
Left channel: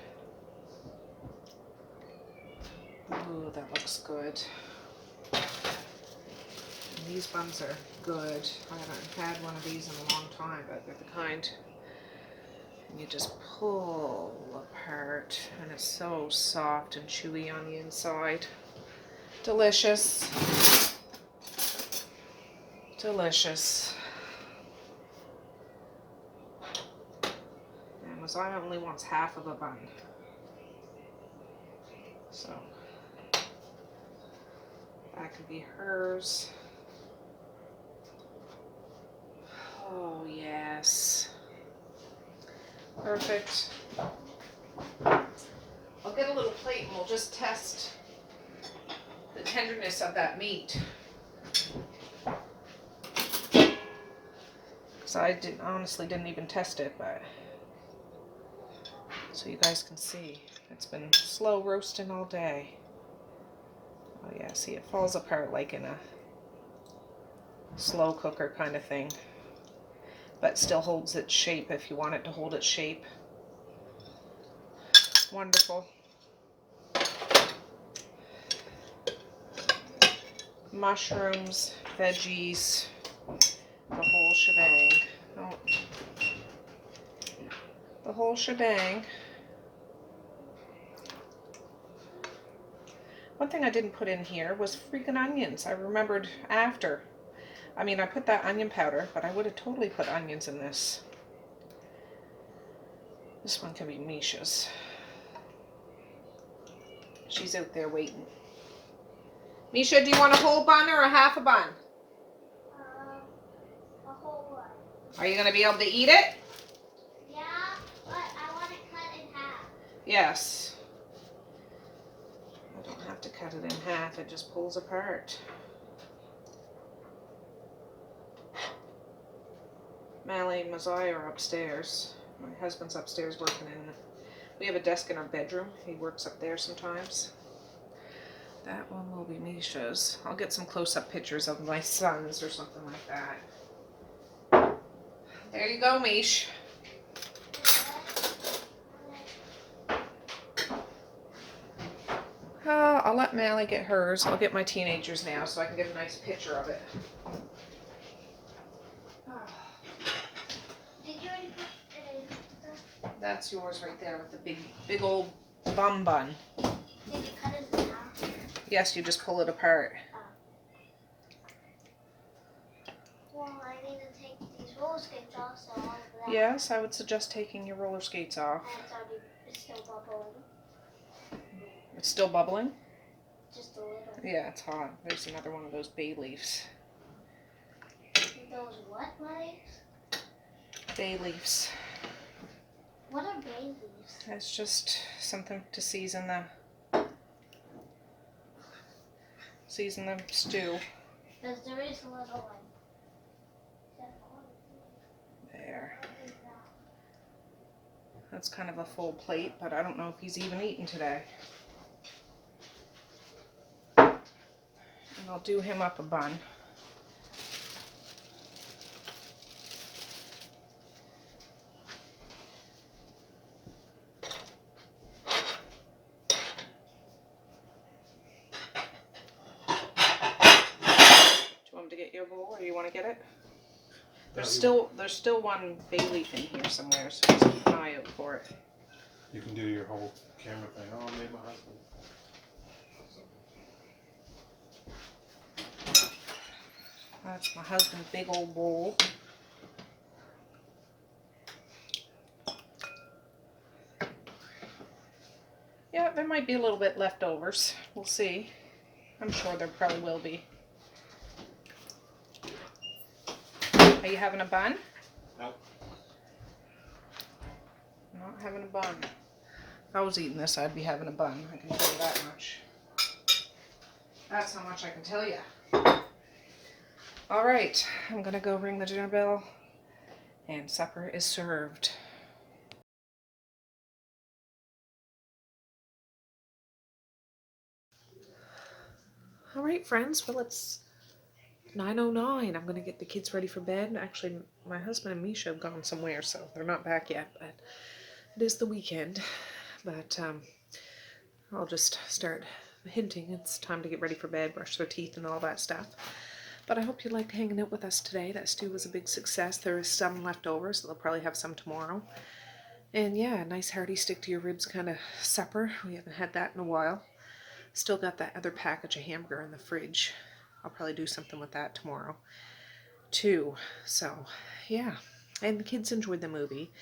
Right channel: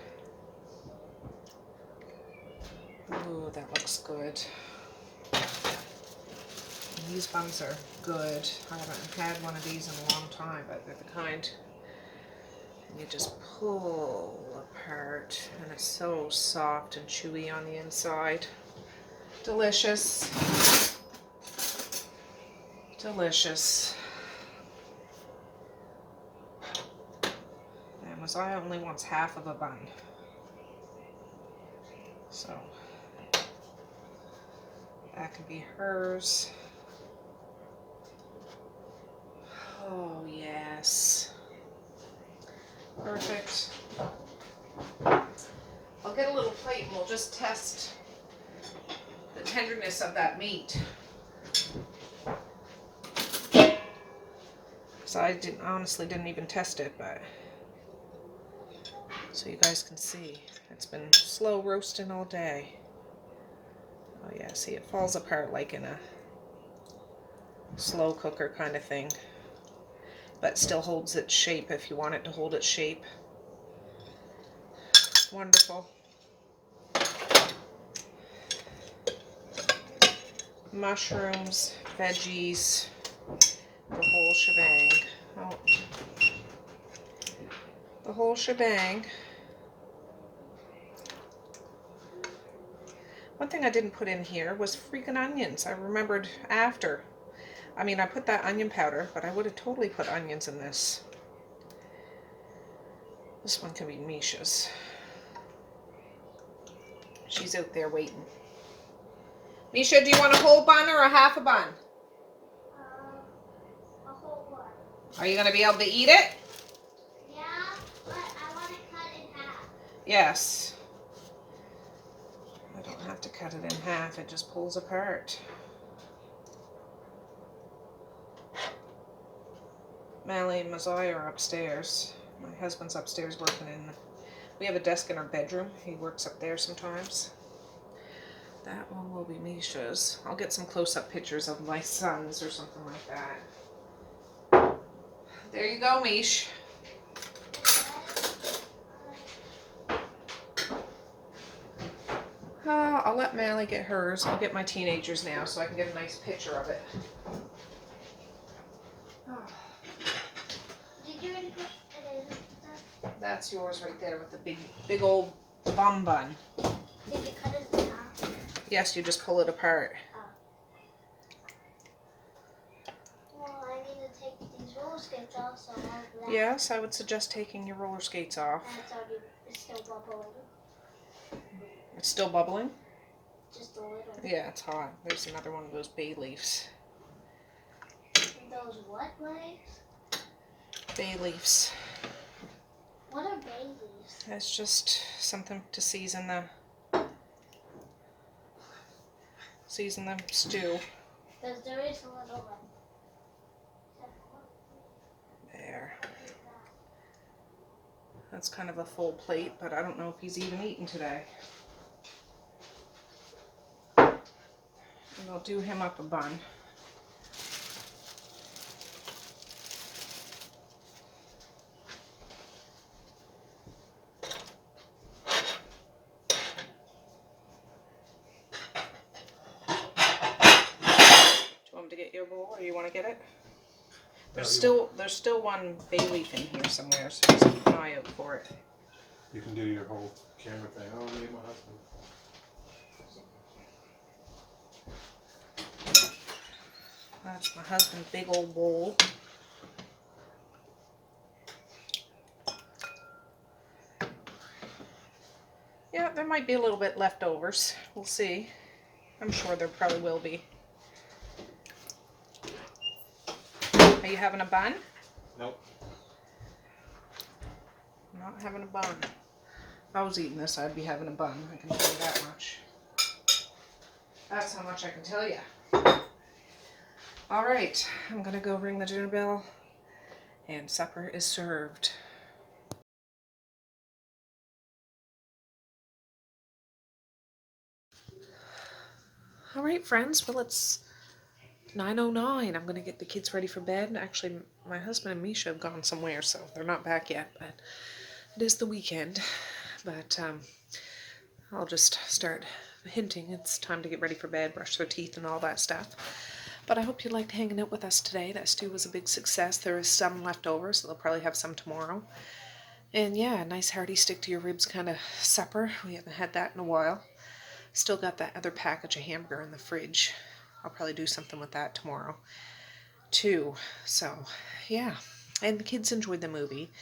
Ooh, that looks good. And these buns are good. I haven't had one of these in a long time, but they're the kind you just pull apart, and it's so soft and chewy on the inside. Delicious. Delicious. I only wants half of a bun, so that could be hers. Oh yes, perfect. I'll get a little plate and we'll just test the tenderness of that meat. So I honestly didn't even test it, but so you guys can see, it's been slow roasting all day. Oh yeah, see, it falls apart like in a slow cooker kind of thing, but still holds its shape if you want it to hold its shape. Wonderful. Mushrooms, veggies, the whole shebang. Oh, The whole shebang. One thing I didn't put in here was freaking onions. I remembered after. I mean, I put that onion powder, but I would have totally put onions in this. This one can be Misha's. She's out there waiting. Misha, do you want a whole bun or a half a bun? A whole one. Are you going to be able to eat it? Yeah, but I want to cut in half. Yes. I don't have to cut it in half. It just pulls apart. Mally and Messiah are upstairs. My husband's upstairs working in. We have a desk in our bedroom. He works up there sometimes. That one will be Misha's. I'll get some close-up pictures of my sons or something like that. There you go, Mish. I'll let Mally get hers. I'll get my teenagers now so I can get a nice picture of it. Did you already put it in? That's yours right there with the big old bun. Did you cut it in half? Yes, you just pull it apart. Well, I need to take these roller skates off, so I'll have that. Yes, I would suggest taking your roller skates off. And it's still bubbling. It's still bubbling? Just a little. Yeah, it's hot. There's another one of those bay leaves. Those what leaves? Bay leaves. What are bay leaves? It's just something to season the stew. Because there is a little one. There. That's kind of a full plate, but I don't know if he's even eaten today. And I'll do him up a bun. To get your bowl, or you want to get it? There's still one bay leaf in here somewhere, so just keep an eye out for it. You can do your whole camera thing. Oh, I made my husband. That's my husband's big old bowl. Yeah, there might be a little bit leftovers. We'll see. I'm sure there probably will be. Are you having a bun? Nope. I'm not having a bun. If I was eating this, I'd be having a bun. I can tell you that much. That's how much I can tell you. All right, I'm gonna go ring the dinner bell, and supper is served. All right, friends. Well, it's 9:09. I'm gonna get the kids ready for bed. Actually, my husband and Misha have gone somewhere, so they're not back yet. But it is the weekend. But I'll just start hinting it's time to get ready for bed, brush their teeth, and all that stuff. But I hope you liked hanging out with us today. That stew was a big success. There is some left over, so they'll probably have some tomorrow. And yeah, a nice hearty stick to your ribs kind of supper. We haven't had that in a while. Still got that other package of hamburger in the fridge. I'll probably do something with that tomorrow too. So yeah, and the kids enjoyed the movie,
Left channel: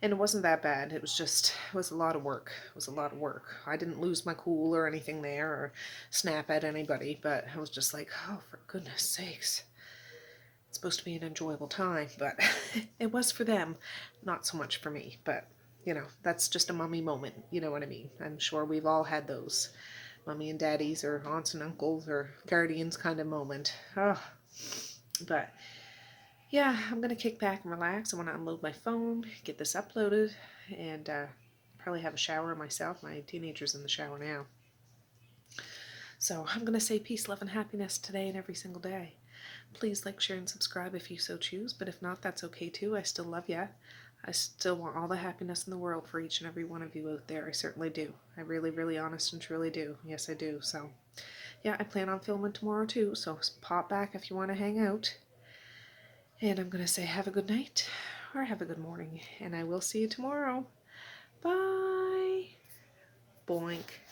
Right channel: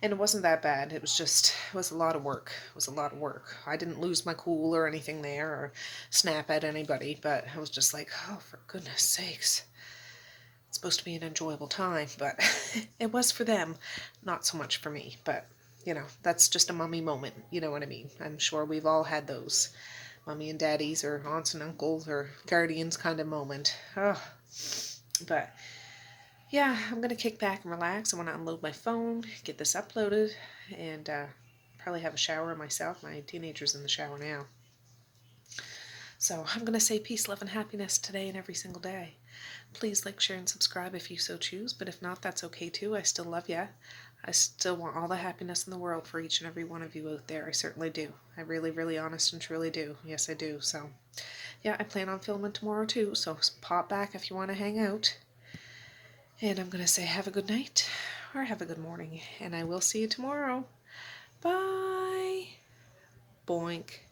and it wasn't that bad. It was a lot of work. It was a lot of work. I didn't lose my cool or anything there or snap at anybody, but I was just like, oh, for goodness sakes. It's supposed to be an enjoyable time, but it was for them, not so much for me. But you know, that's just a mummy moment. You know what I mean? I'm sure we've all had those. Mummy and daddies or aunts and uncles or guardians kind of moment. Oh. But yeah, I'm going to kick back and relax. I want to unload my phone, get this uploaded, and probably have a shower myself. My teenager's in the shower now. So I'm going to say peace, love, and happiness today and every single day. Please like, share, and subscribe if you so choose. But if not, that's okay too. I still love ya. I still want all the happiness in the world for each and every one of you out there. I certainly do. I really, really honest and truly do. Yes, I do. So, yeah, I plan on filming tomorrow too. So pop back if you want to hang out. And I'm going to say have a good night or have a good morning, and I will see you tomorrow. Bye. Boink.